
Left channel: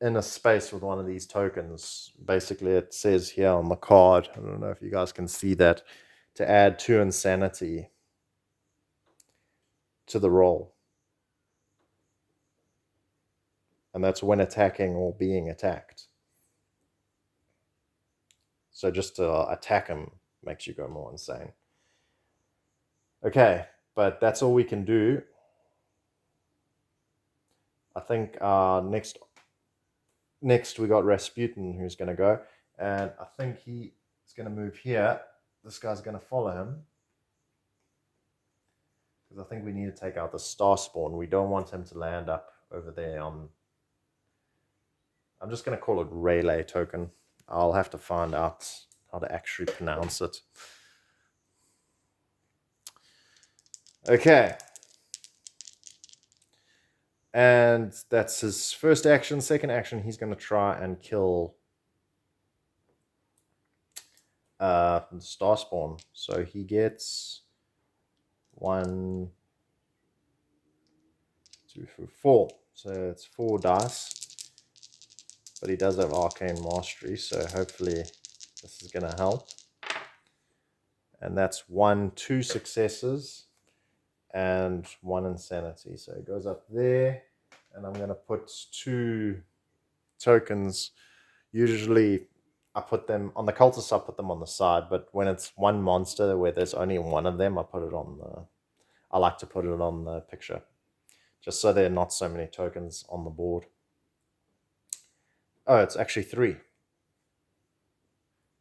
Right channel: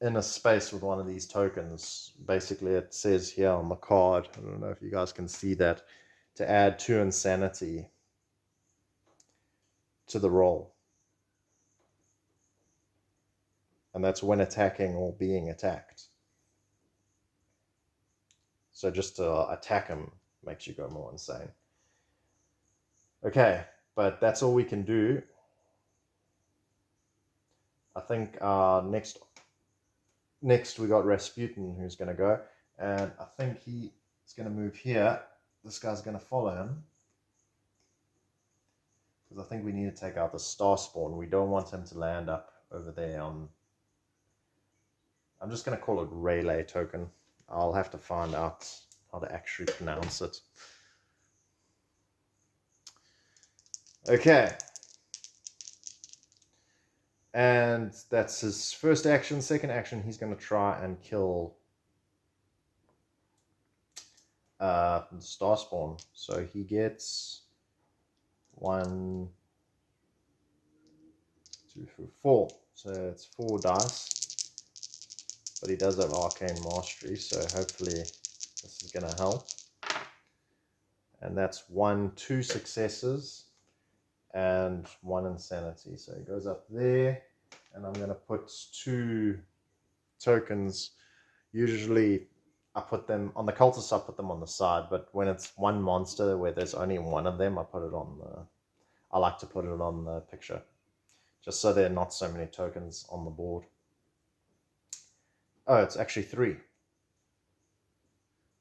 in a space with one of these tokens. Basically, it says here on the card, I don't know if you guys can see that, to add 2 insanity to the roll. And that's when attacking or being attacked. So just to attack him makes you go more insane. Okay, but that's all we can do. I think next we got Rasputin, who's going to go, and I think he is going to move here. This guy's going to follow him, because I think we need to take out the star spawn. We don't want him to land up over there on... I'm just going to call it Relay token. I'll have to find out how to actually pronounce it. Okay. And that's his first action. Second action, he's going to try and kill star spawn. So he gets 1, 2, 3, 4. So it's 4 dice. But he does have arcane mastery, so hopefully this is going to help. And that's 1, 2 successes and 1 insanity. So it goes up there, and I'm going to put 2 tokens. Usually I put them on the cultists, I put them on the side, but when it's one monster where there's only one of them, I like to put it on the picture, just so there are not so many tokens on the board. Oh, it's actually 3.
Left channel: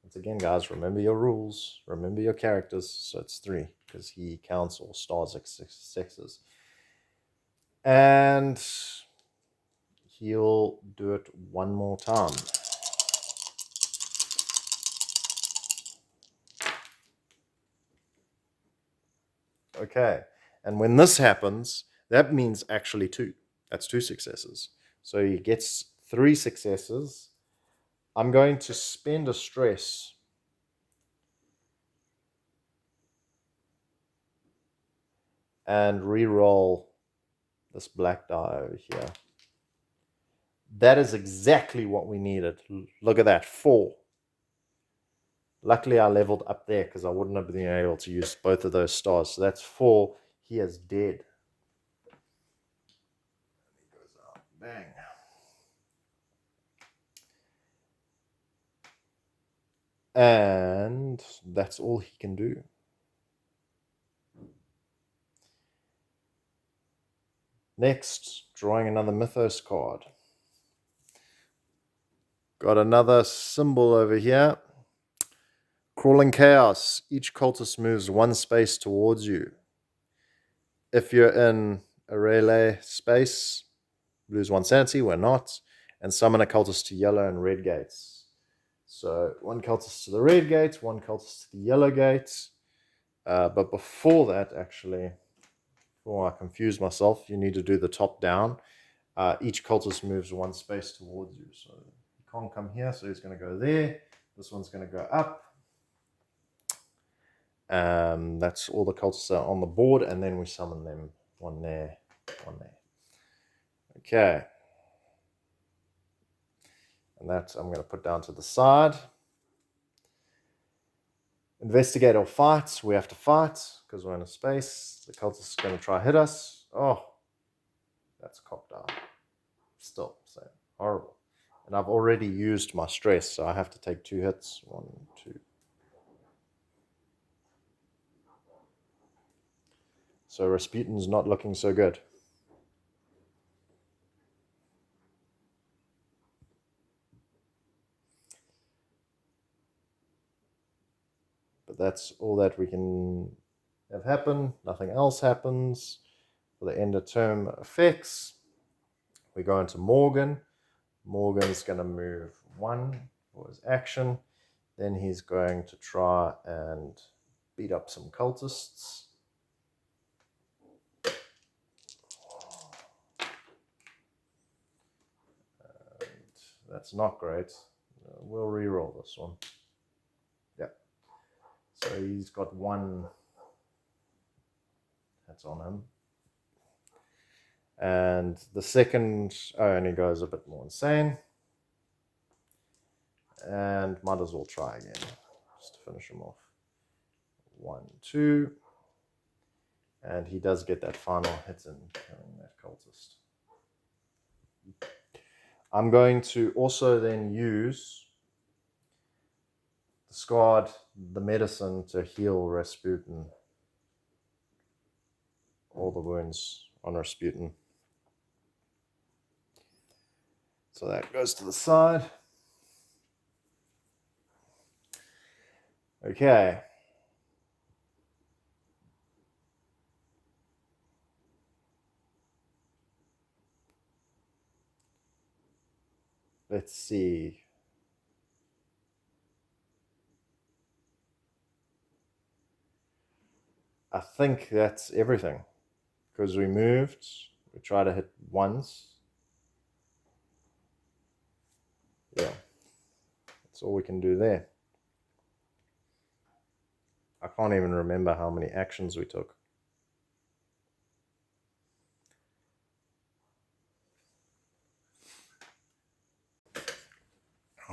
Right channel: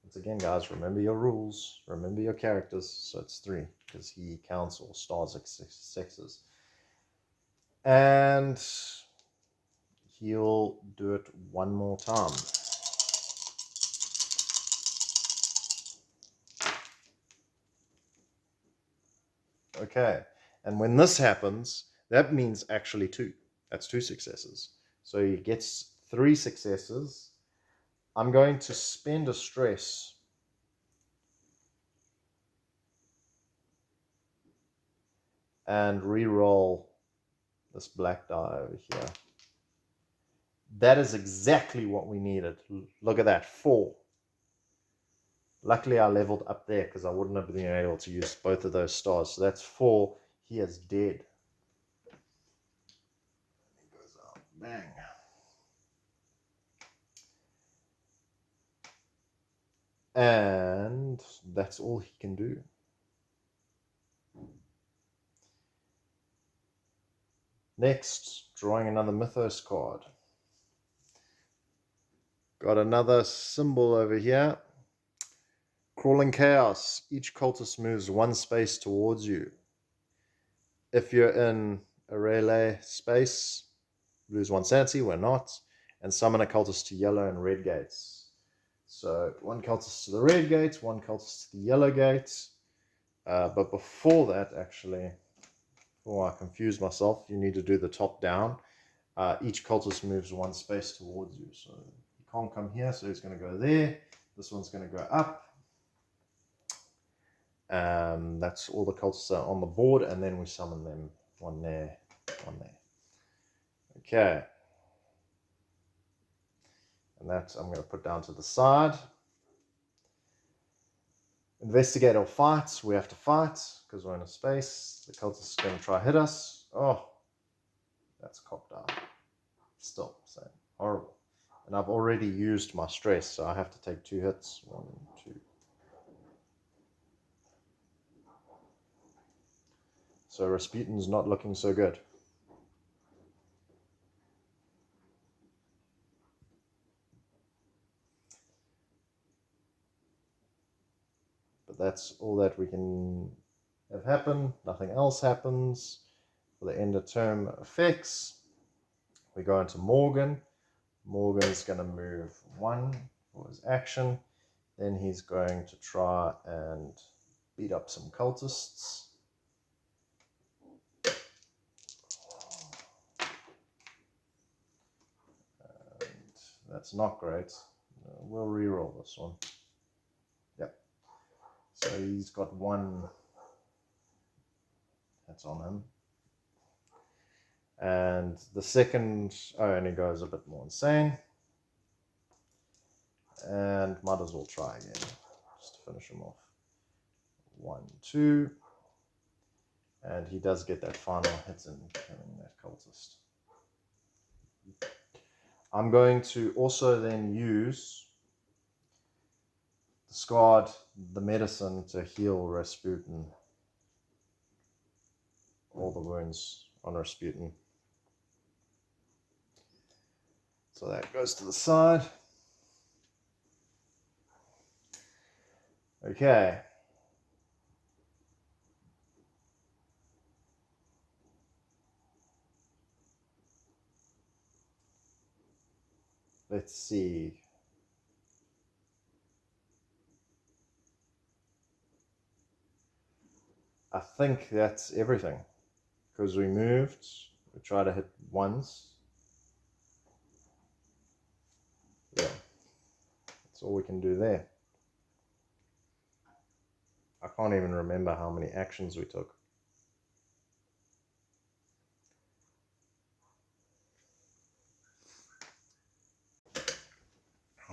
Once again, guys, remember your rules, remember your characters. So it's 3, because he counts all stars as sixes. And he'll do it one more time. Okay, and when this happens, that means actually 2. That's 2 successes. So he gets 3 successes. I'm going to spend a stress and re-roll this black die over here. That is exactly what we needed. Look at that, 4. Luckily, I leveled up there, because I wouldn't have been able to use both of those stars. So that's 4. He is dead. He goes out. Bang. And that's all he can do. Next, drawing another Mythos card. Got another symbol over here. Crawling Chaos. Each cultist moves 1 space towards you. If you're in a relay space, lose 1 sanity. We're not. And summon a cultist to yellow and red gates. So 1 cultist to the red gate, 1 cultist to the yellow gate. But before that, actually, before I confuse myself, you need to do the top down. Each cultist moves 1 space towards you. So he can't come here, so he's going to go there. This one's going to go up. That's all the cultists are on the board, and then we summon them. 1 there, 1 there. Okay. And that I'm going to put down to the side. Investigate or fight. We have to fight, because we're in a space. The cultist is going to try hit us. Oh, that's cocked out. Still, so horrible. And I've already used my stress, so I have to take 2 hits. 1, 2. So Rasputin's not looking so good. But that's all that we can have happen. Nothing else happens. For the end of term effects, we go into Morgan. Morgan's going to move 1 for his action. Then he's going to try and beat up some cultists. And that's not great. We'll re-roll this one. Yep. So he's got 1 that's on him. And the second, and he goes a bit more insane. And might as well try again, just to finish him off. 1, 2. And he does get that final hit in killing that cultist. I'm going to also then use discard the medicine to heal Rasputin. All the wounds on Rasputin. So that goes to the side. Okay. Let's see. I think that's everything. Because we moved. We try to hit once. Yeah. That's all we can do there. I can't even remember how many actions we took.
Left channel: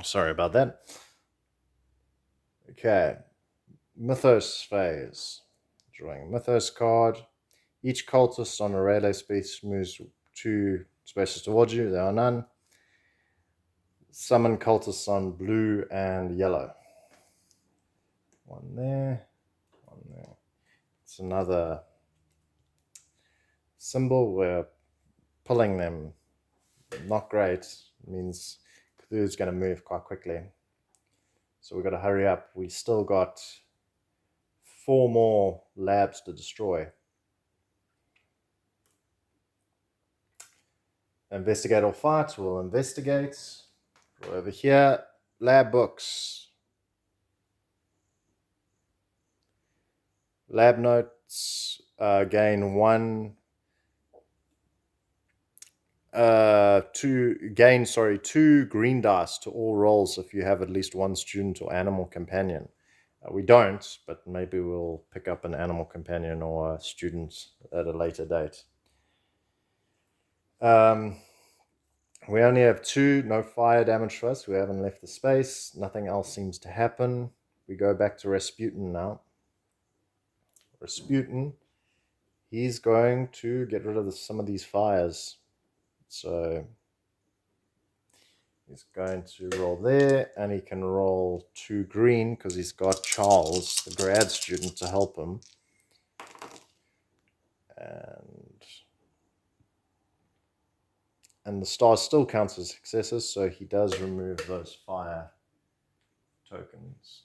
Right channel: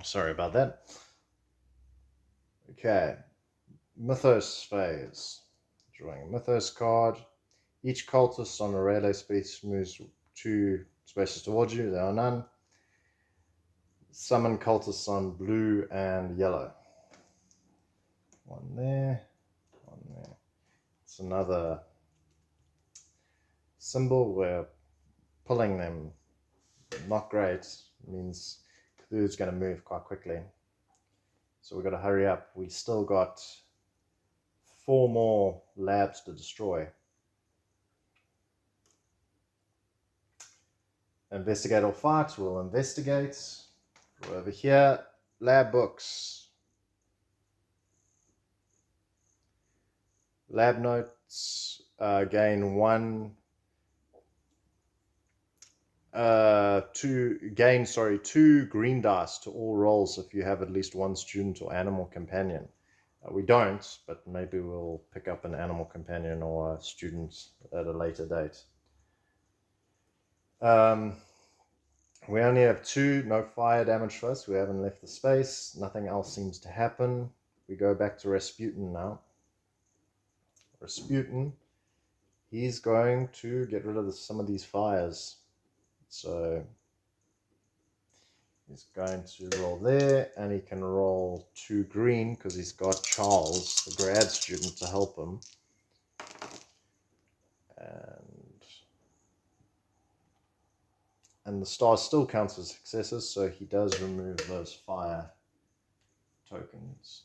Sorry about that. Okay. Mythos phase. Drawing Mythos card. Each cultist on a radar space moves 2 spaces towards you. There are none. Summon cultists on blue and yellow. 1 there. 1 there. It's another symbol. We're pulling them. Not great. It means Cthulhu's going to move quite quickly. So we've got to hurry up. We still got 4 more labs to destroy. Investigate or fight. We'll investigate. Go over here. Lab books. Lab notes. Gain 1. 2 green dice to all rolls if you have at least 1 student or animal companion. We don't, but maybe we'll pick up an animal companion or a student at a later date. We only have 2, no fire damage for us. We haven't left the space. Nothing else seems to happen. We go back to Rasputin now. Rasputin, he's going to get rid of some of these fires. So he's going to roll there, and he can roll 2 green because he's got Charles, the grad student, to help him. And the star still counts as successes, so he does remove those fire tokens.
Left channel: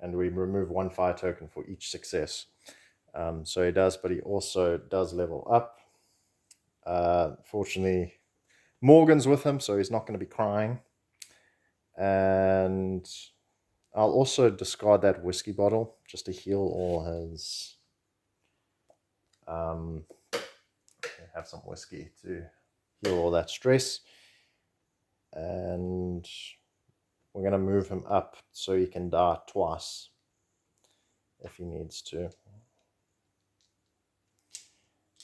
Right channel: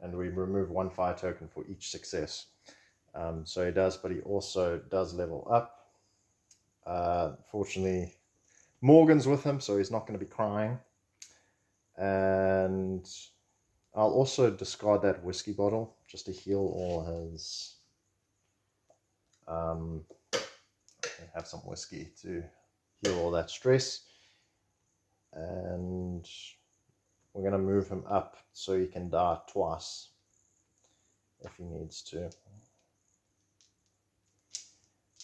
And we remove 1 fire token for each success. So he does, but he also does level up. Fortunately, Morgan's with him, so he's not going to be crying. And I'll also discard that whiskey bottle just to heal all his... have some whiskey to heal all that stress. And we're going to move him up so he can die twice if he needs to.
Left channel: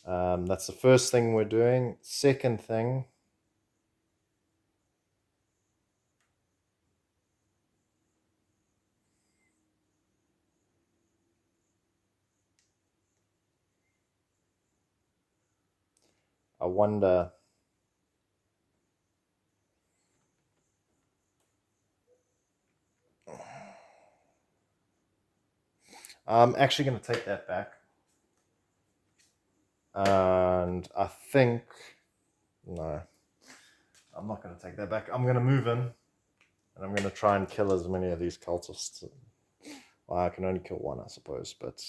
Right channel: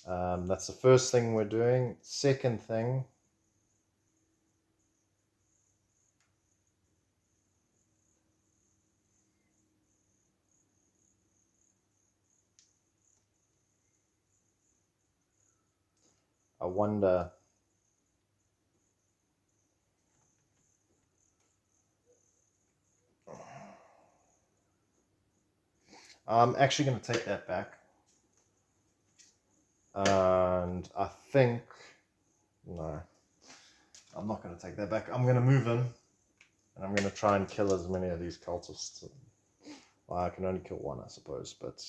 That's the first thing we're doing. Second thing, I wonder... I'm actually going to take that back. And I think... No. I'm not going to take that back. I'm going to move in. And I'm going to try and kill as many of these cultists. Well, I can only kill one, I suppose. But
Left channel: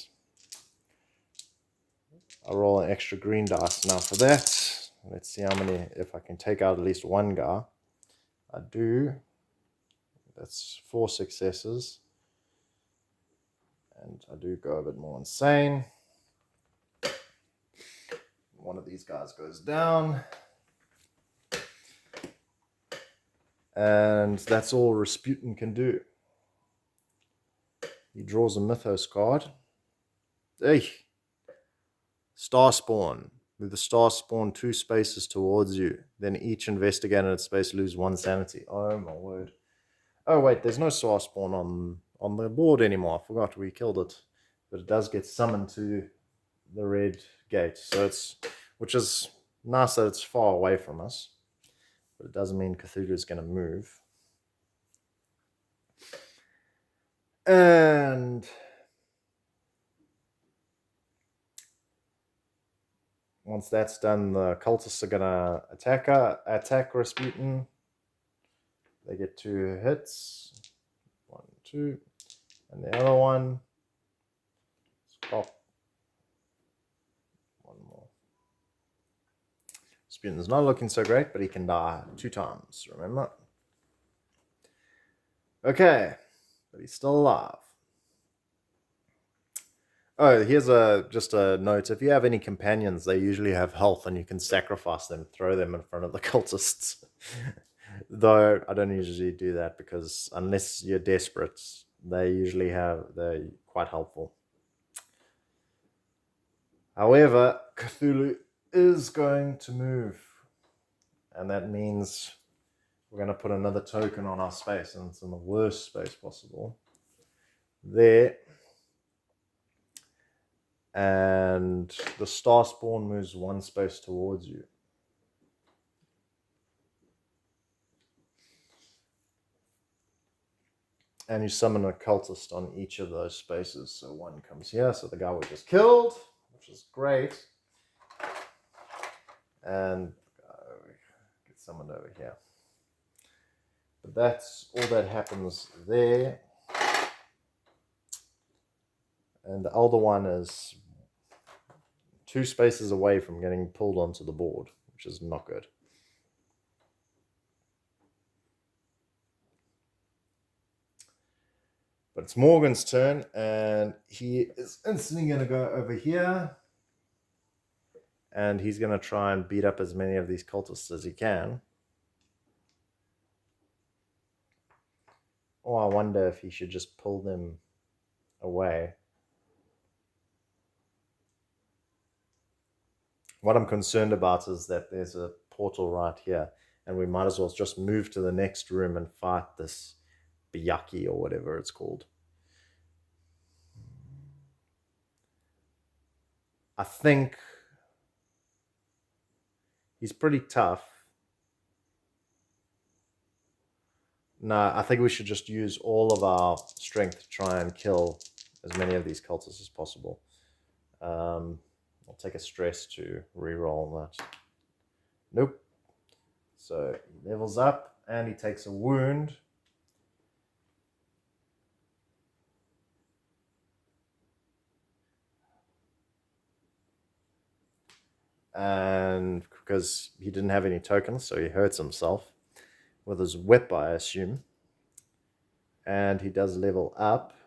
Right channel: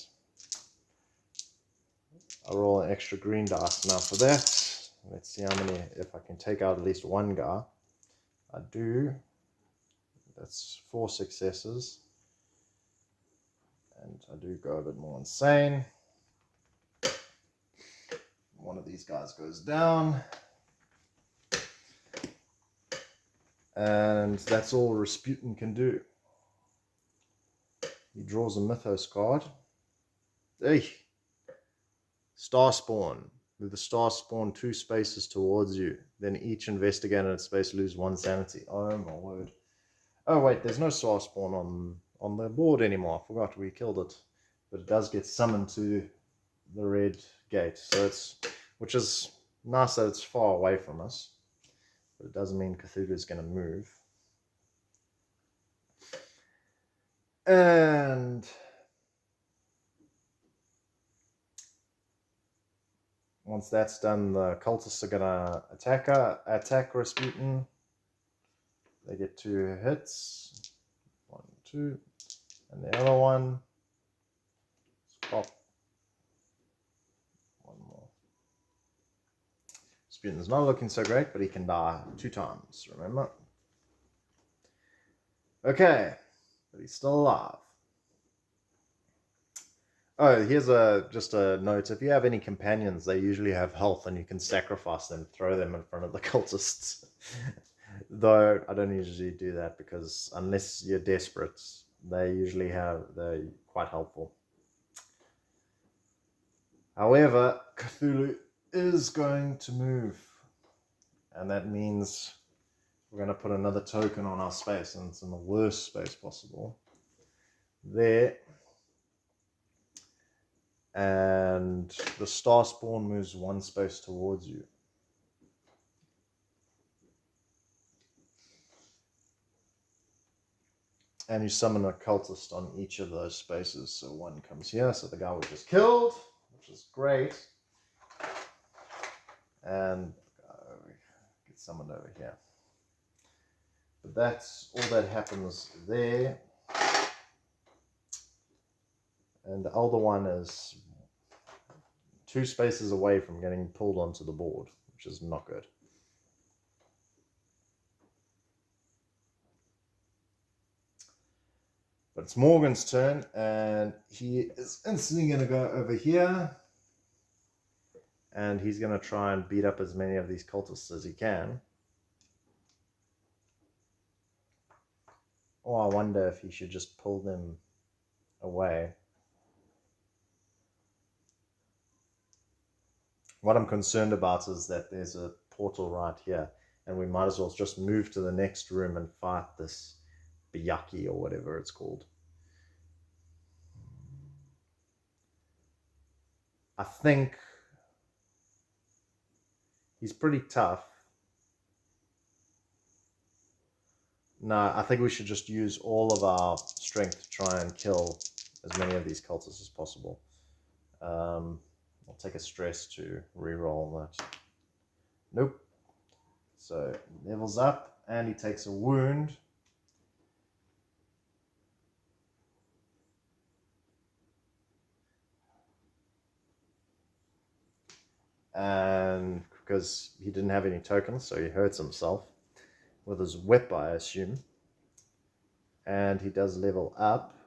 I roll an extra green dice now for that. Let's see how many... If I can take out at least one guy. I do. That's 4 successes. And I do go a bit more insane. One of these guys goes down. And that's all Rasputin can do. He draws a Mythos card. Hey! Star Spawn. Move the Star Spawn 2 spaces towards you. Then each investigator in its space lose 1 sanity. Oh my word. Oh wait, there's no Star Spawn on the board anymore. I forgot we killed it. But it does get summoned to the red gate. So which is nice that it's far away from us. But it doesn't mean Cthulhu is going to move. And once that's done, the cultists are going to attack Rasputin. They get 2 hits. 1, 2. And the other one. Pop. One more. Rasputin's not looking so great, but he can die 2 times, remember? Okay. But he's still alive. Oh, here's just a note. If you have any companions, they usually have health and you can sacrifice them, throw them in front of the cultists. Though I don't usually do that because unless you're desperate, they're quite helpful. However, Cthulhu is going to move. And that means we're going to put another token on our space, and it's in the worst space possible. There. And the Star Spawn moves 1 space towards you. And you summon a cultist on each of those spaces. So 1 comes here, so the guy was just killed, which is great. And get summoned over here. But that's all that happens there. And the older one is 2 spaces away from getting pulled onto the board, which is not good. But it's Morgan's turn, and he is instantly going to go over here. And he's going to try and beat up as many of these cultists as he can. Or I wonder if he should just pull them away. What I'm concerned about is that there's a portal right here, and we might as well just move to the next room and fight this Biyaki or whatever it's called. I think he's pretty tough. No, I think we should just use all of our strength to try and kill as many of these cultists as possible. I'll take a stress to reroll that. Nope. So levels up, and he takes a wound. And because he didn't have any tokens, so he hurts himself with his whip, I assume. And he does level up.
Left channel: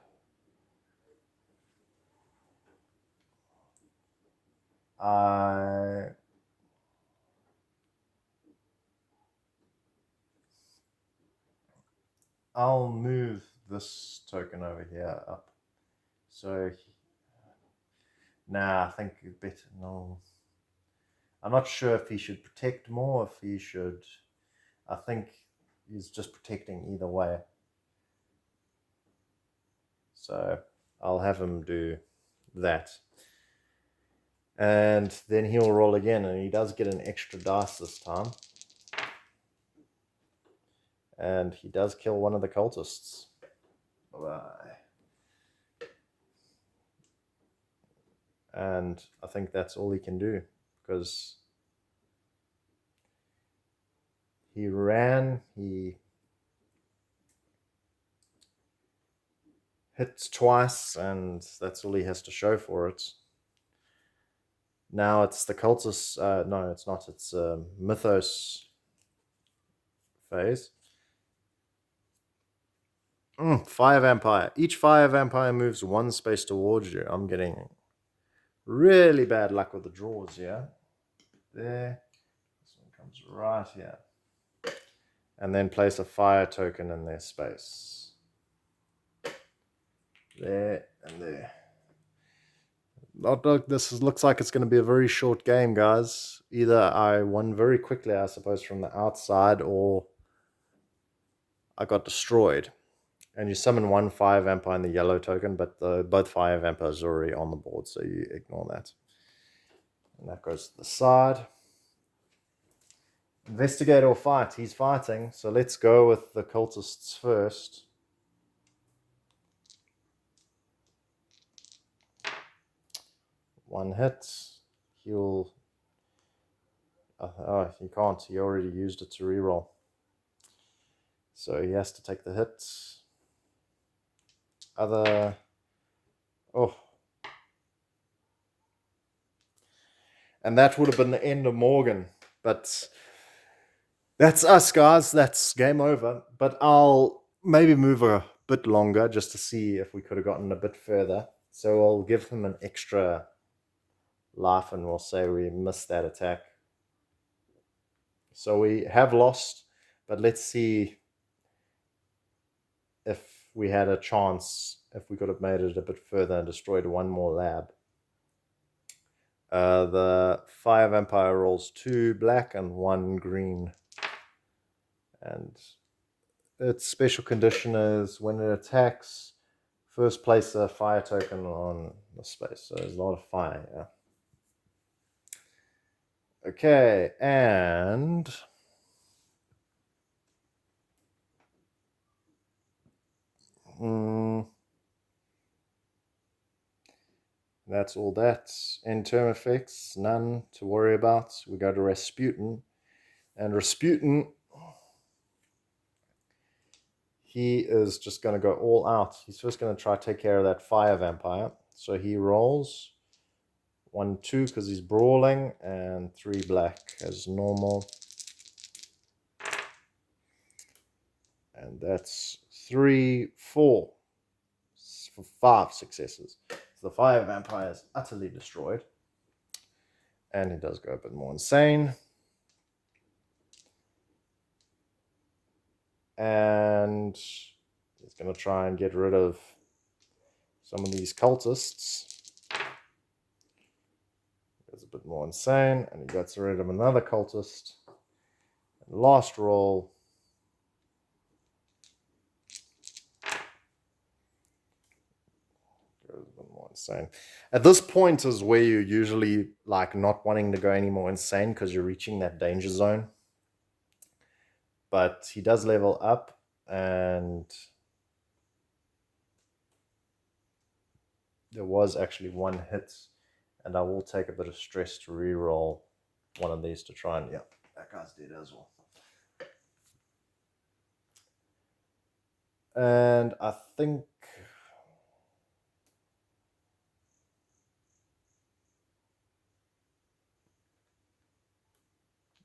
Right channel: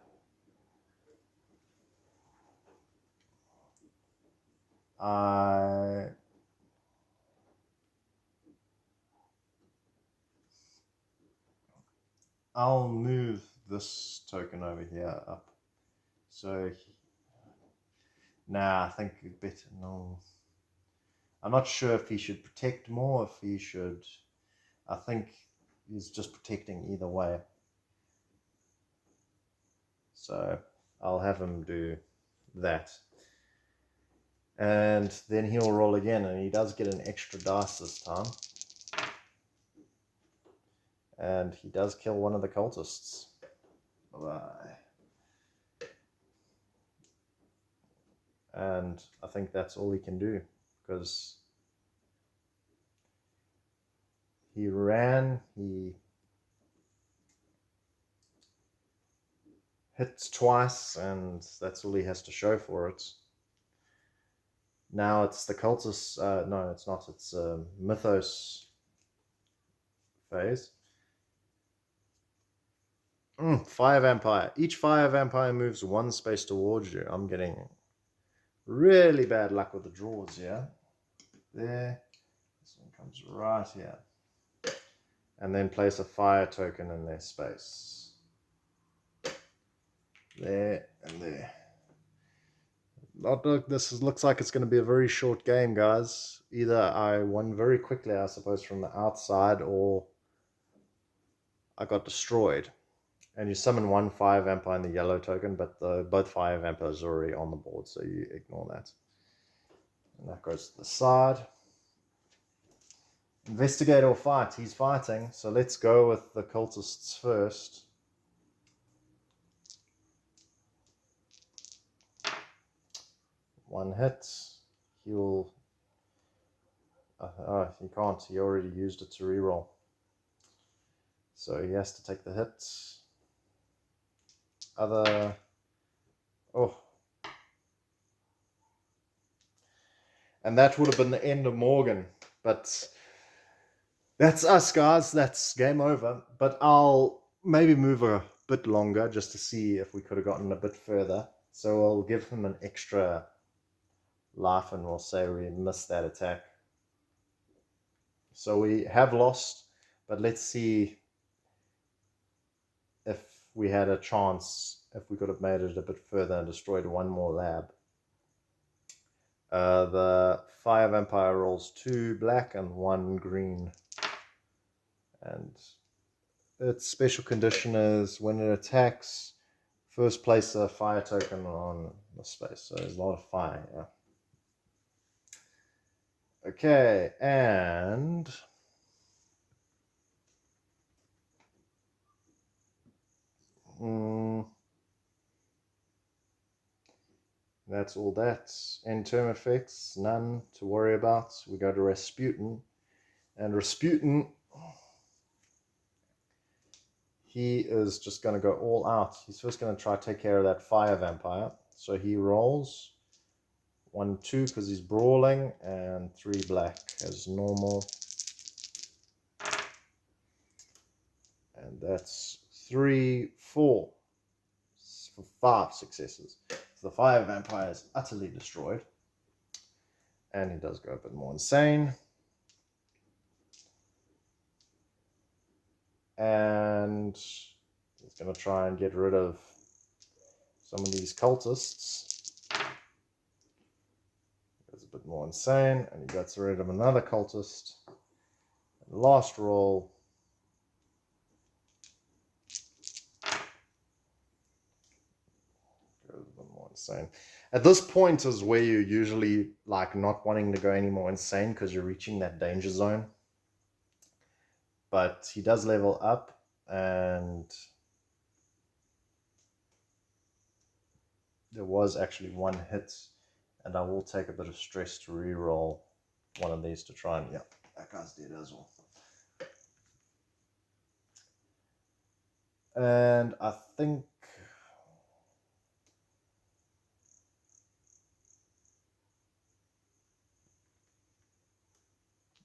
I'll move this token over here up. So, I think better. No, I'm not sure if he should protect more, if he should. I think he's just protecting either way. So I'll have him do that. And then he'll roll again, and he does get an extra dice this time. And he does kill one of the cultists. Bye-bye. And I think that's all he can do, because he ran, he hits twice, and that's all he has to show for it. Now it's the cultist. No, it's not. It's Mythos phase. Fire Vampire. Each Fire Vampire moves one space towards you. I'm getting really bad luck with the draws here. There. This one comes right here. And then place a fire token in their space. There and there. This looks like it's going to be a very short game, guys. Either I won very quickly, I suppose, from the outside, or I got destroyed. And you summon one Fire Vampire in the yellow token, but both Fire Vampires are already on the board, so you ignore that. And that goes to the side. Investigate or fight. He's fighting, so let's go with the cultists first. One hit. He'll... he can't. He already used it to reroll. So he has to take the hit. Other... Oh. And that would have been the end of Morgan. But that's us, guys. That's game over. But I'll maybe move a bit longer just to see if we could have gotten a bit further. So I'll give him an extra life and we'll say we missed that attack. So we have lost, but let's see if we had a chance, if we could have made it a bit further and destroyed one more lab. The Fire Vampire rolls 2 black and 1 green. And its special condition is when it attacks, first place a fire token on the space. So there's a lot of fire, yeah. Okay, and that's all that. End term effects, none to worry about. We go to Rasputin. And Rasputin, he is just going to go all out. He's first going to try to take care of that Fire Vampire. So he rolls 1, 2 because he's brawling, and 3 black as normal. And that's 3, 4 for 5 successes. So the Fire Vampire is utterly destroyed. And he does go a bit more insane. And he's going to try and get rid of some of these cultists. Goes a bit more insane, and he gets rid of another cultist. And last roll. Goes a bit more insane. At this point is where you're usually like not wanting to go any more insane because you're reaching that danger zone. But he does level up, and there was actually 1 hit, and I will take a bit of stress to reroll one of these to try and, yeah, that guy's dead as well. And I think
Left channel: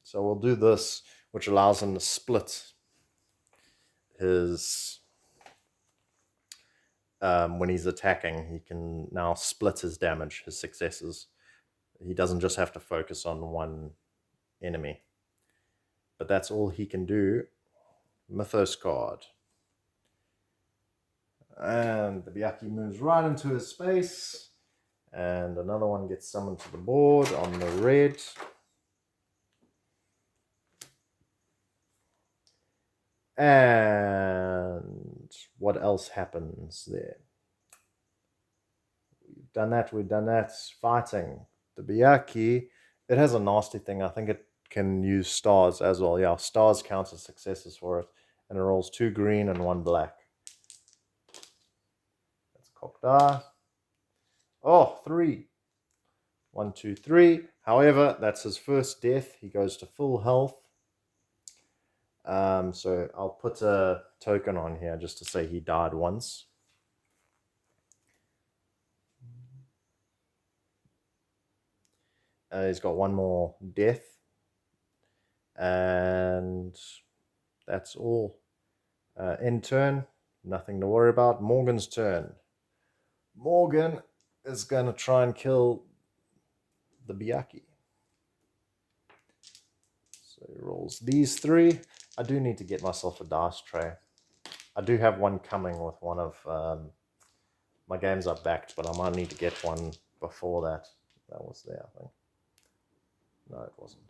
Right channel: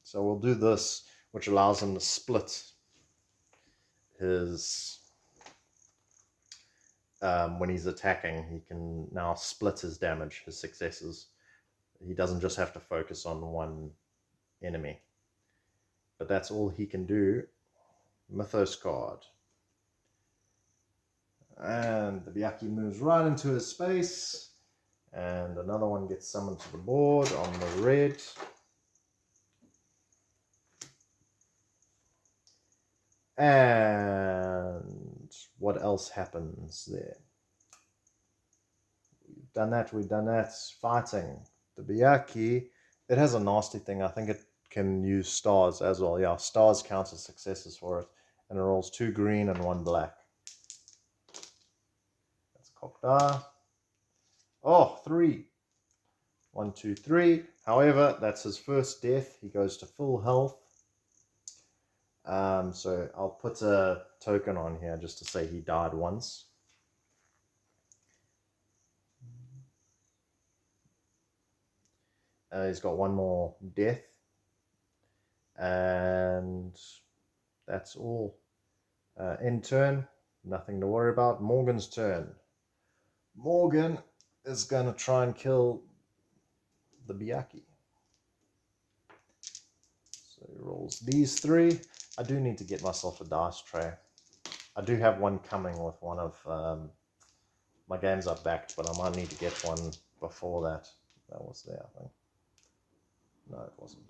so we'll do this, which allows him to split his when he's attacking, he can now split his damage, his successes. He doesn't just have to focus on one enemy. But that's all he can do. Mythos card. And the Byakhee moves right into his space. And another one gets summoned to the board on the red. And what else happens there? We've done that. Fighting. The Byakhee, it has a nasty thing. I think it can use stars as well. Yeah, stars count as successes for it. And it rolls 2 green and 1 black. That's a cocked die. Oh, 3. 1, 2, 3. However, that's his first death. He goes to full health. So I'll put a token on here just to say he died once. He's got one more death. And that's all. End turn. Nothing to worry about. Morgan's turn. Morgan is going to try and kill the Byakhee. So he rolls these 3. I do need to get myself a dice tray. I do have one coming with one of my games I've backed, but I might need to get one before that. That was there, I think. No, it wasn't.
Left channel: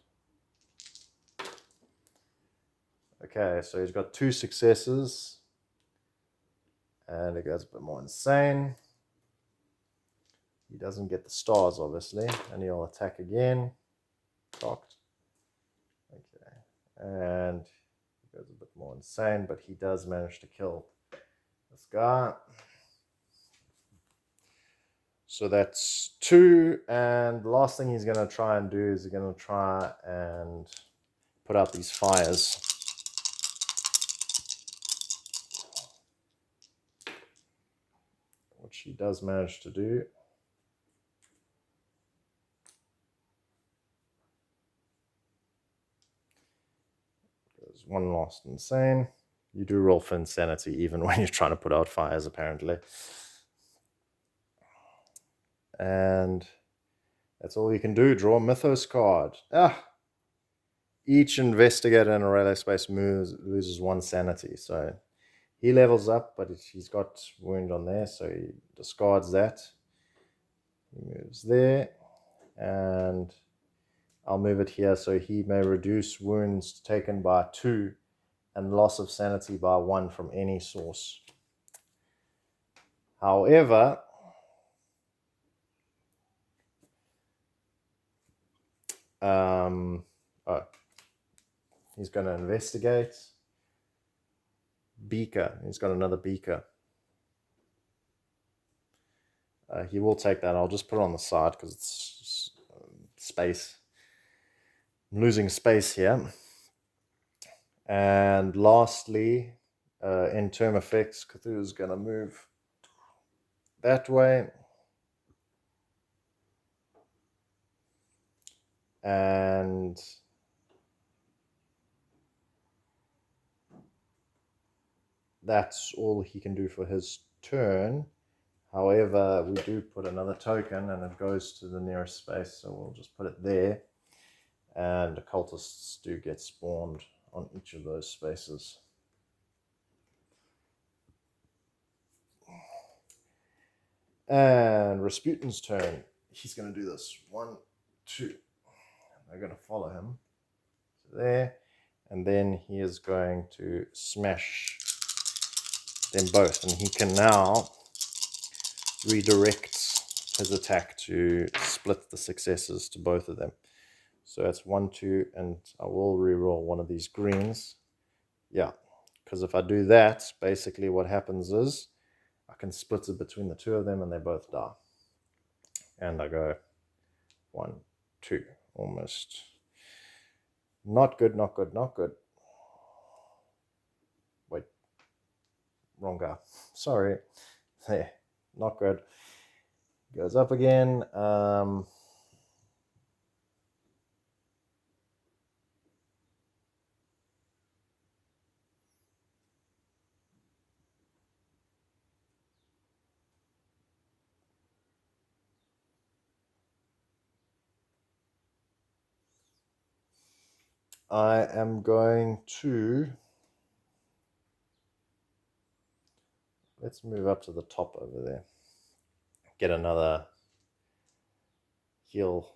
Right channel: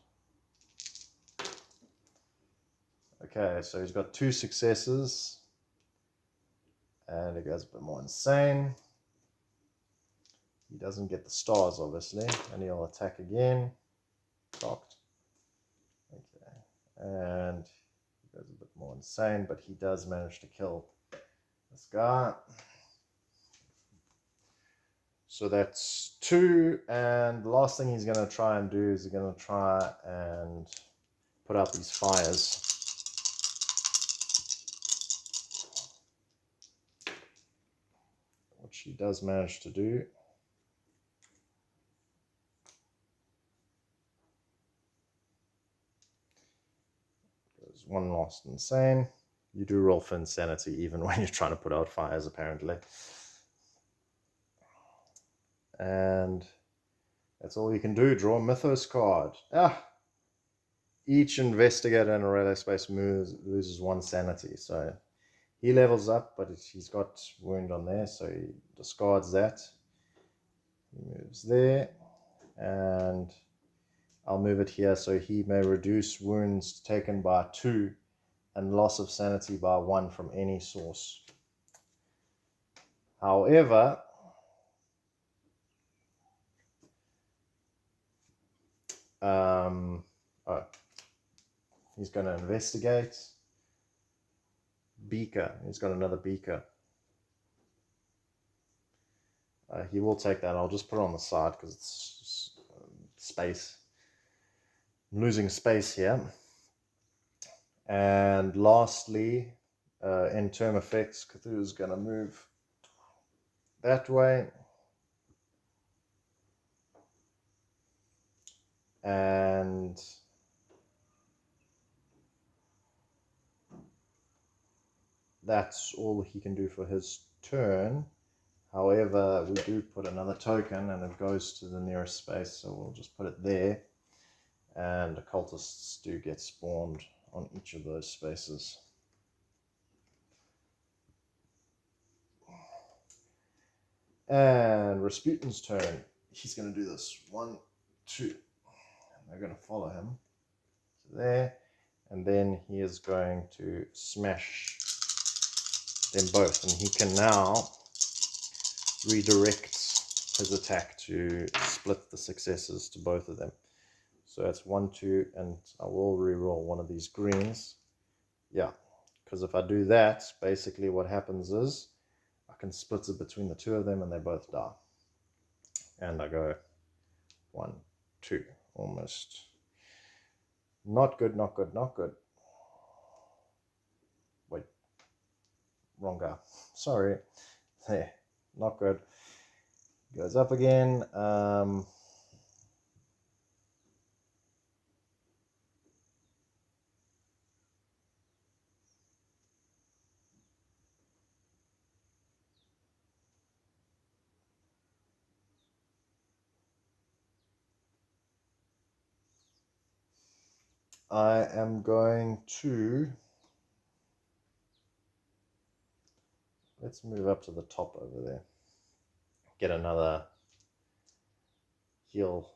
Okay, so he's got 2 successes. And it goes a bit more insane. He doesn't get the stars, obviously. And he'll attack again. Blocked. Okay. And he goes a bit more insane, but he does manage to kill this guy. So that's 2. And the last thing he's going to try and do is he's going to try and put out these fires. Which he does manage to do. Goes one last insane. You do roll for insanity even when you're trying to put out fires, apparently. And that's all you can do. Draw a Mythos card. Each investigator in a relay space loses 1 sanity. So he levels up, but he's got wound on there, so he discards that. He moves there. And I'll move it here so he may reduce wounds taken by 2 and loss of sanity by 1 from any source. However, he's going to investigate. Beaker. He's got another beaker. He will take that. I'll just put it on the side because it's space. I'm losing space here. And lastly, in term effects, Cthulhu is going to move that way. And that's all he can do for his turn. However, we do put another token and it goes to the nearest space, so we'll just put it there. And occultists do get spawned on each of those spaces. And Rasputin's turn. He's going to do this. 1, 2. And they're going to follow him. So there. And then he is going to smash them both. And he can now redirect his attack to split the successes to both of them. So that's 1, 2, and I will re-roll one of these greens. Yeah, because if I do that, basically what happens is I can split it between the 2 of them and they both die. And I go 1, 2, almost. Not good, not good, not good. Wait, wrong guy. Sorry. There, not good. Goes up again. I am going to, let's move up to the top over there. Get another heal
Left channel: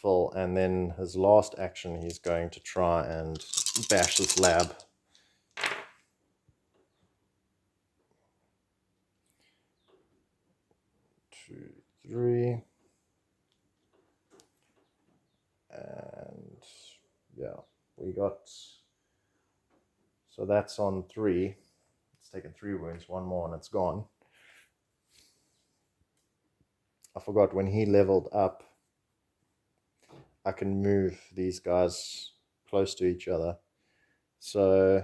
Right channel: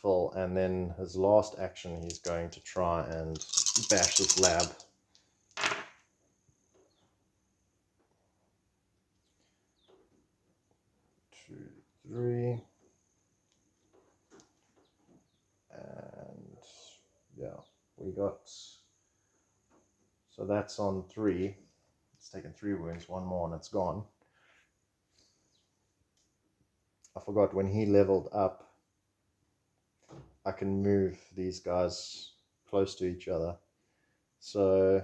full, and then his last action, he's going to try and bash this lab. Two, 3. And yeah, we got, so that's on 3. It's taken 3 wounds, 1 more and it's gone. I forgot when he leveled up, I can move these guys close to each other. So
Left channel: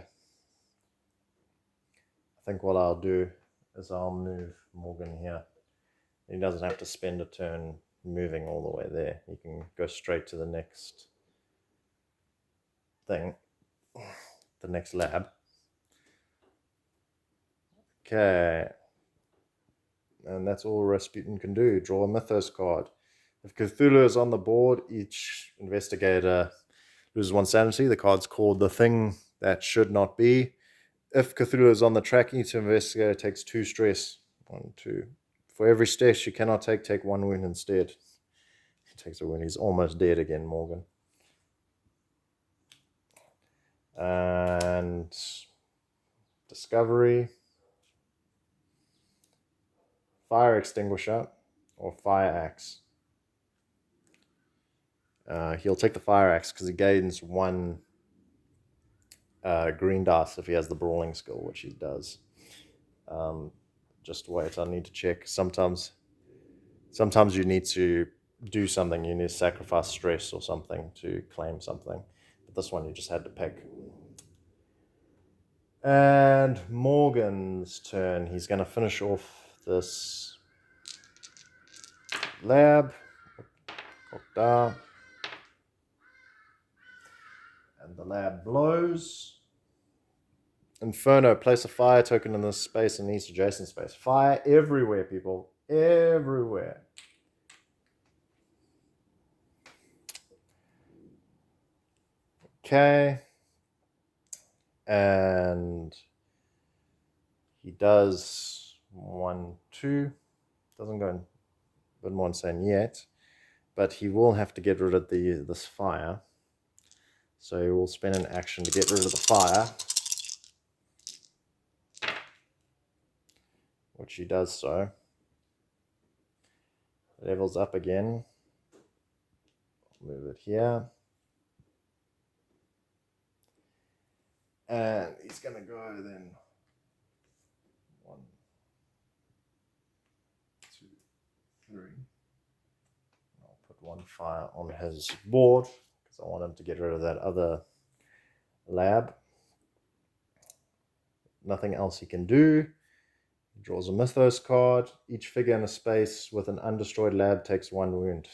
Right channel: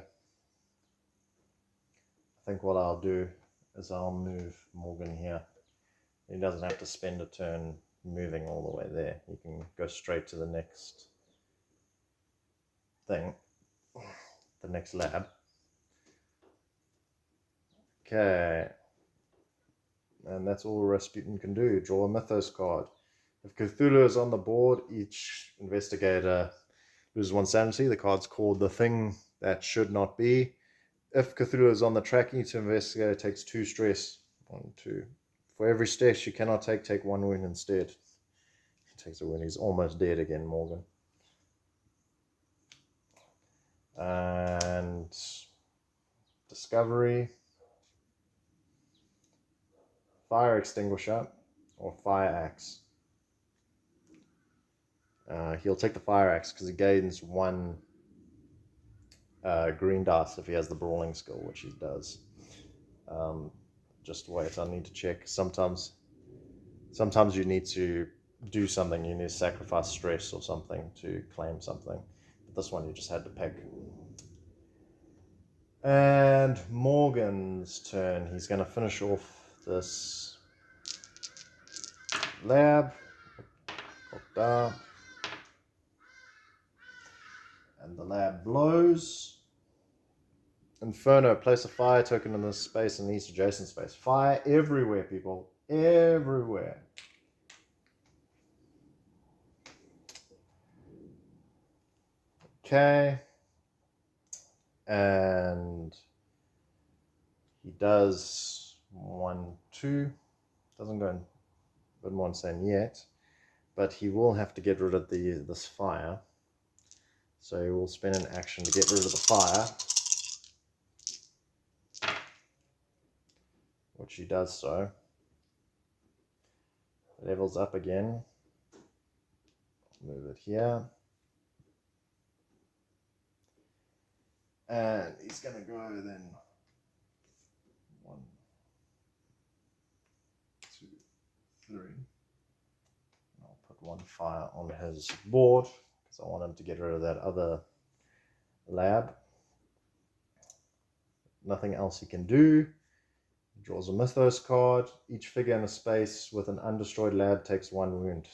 I think what I'll do is I'll move Morgan here. He doesn't have to spend a turn moving all the way there. He can go straight to the next thing, the next lab. Okay. And that's all Rasputin can do. Draw a Mythos card. If Cthulhu is on the board, each investigator loses 1 sanity. The card's called The Thing That Should Not Be. If Cthulhu is on the track, each investigator takes 2 stress. 1, 2. For every stress you cannot take 1 wound instead. He takes a wound. He's almost dead again, Morgan. And discovery, fire extinguisher, or fire axe. He'll take the fire axe because he gains 1 green dice if he has the brawling skill, which he does. Just wait, I need to check. Sometimes you need to do something. You need to sacrifice stress or something to claim something. But this one you just had to pick. And Morgan's turn. He's going to finish off this lab. Look down. And the lab blows. Inferno, place a fire token in this space and each adjacent space. Fire everywhere, people. Everywhere. Okay. And he does 1, 2. Doesn't go in a bit more insane yet. But he will have to get rid of this fire. So he will spend an action to get rid of the fire. Which he does so. Levels up again. Move it here. And he's going to go then 1, 2, 3. I'll put 1 fire on his board because I want him to get rid of that other lab. Nothing else he can do. He draws a Mythos card. Each figure in a space with an undestroyed lab takes 1 wound.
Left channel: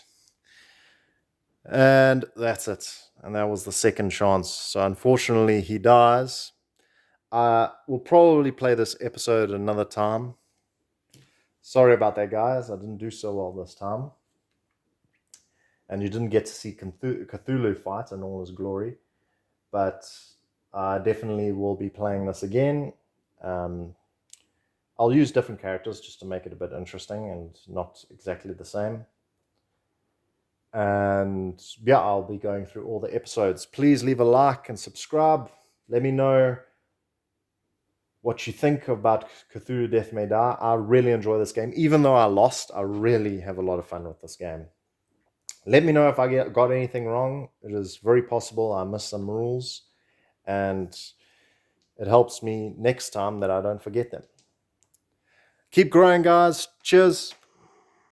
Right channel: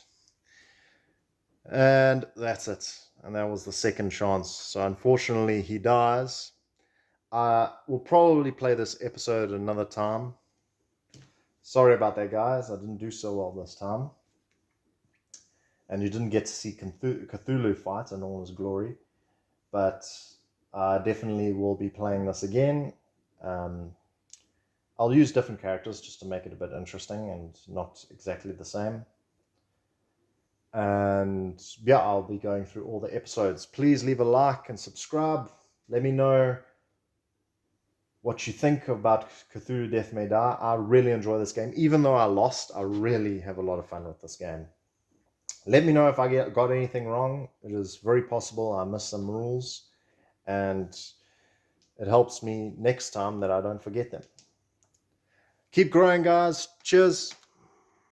And that's it. And that was the second chance. So unfortunately, he dies. We'll probably play this episode another time. Sorry about that, guys. I didn't do so well this time. And you didn't get to see Cthulhu fight in all his glory. But I definitely will be playing this again. I'll use different characters just to make it a bit interesting and not exactly the same. And yeah, I'll be going through all the episodes. Please leave a like and subscribe. Let me know what you think about Cthulhu Death May Die. I really enjoy this game. Even though I lost, I really have a lot of fun with this game. Let me know if I got anything wrong. It is very possible I missed some rules. And it helps me next time that I don't forget them. Keep growing, guys. Cheers.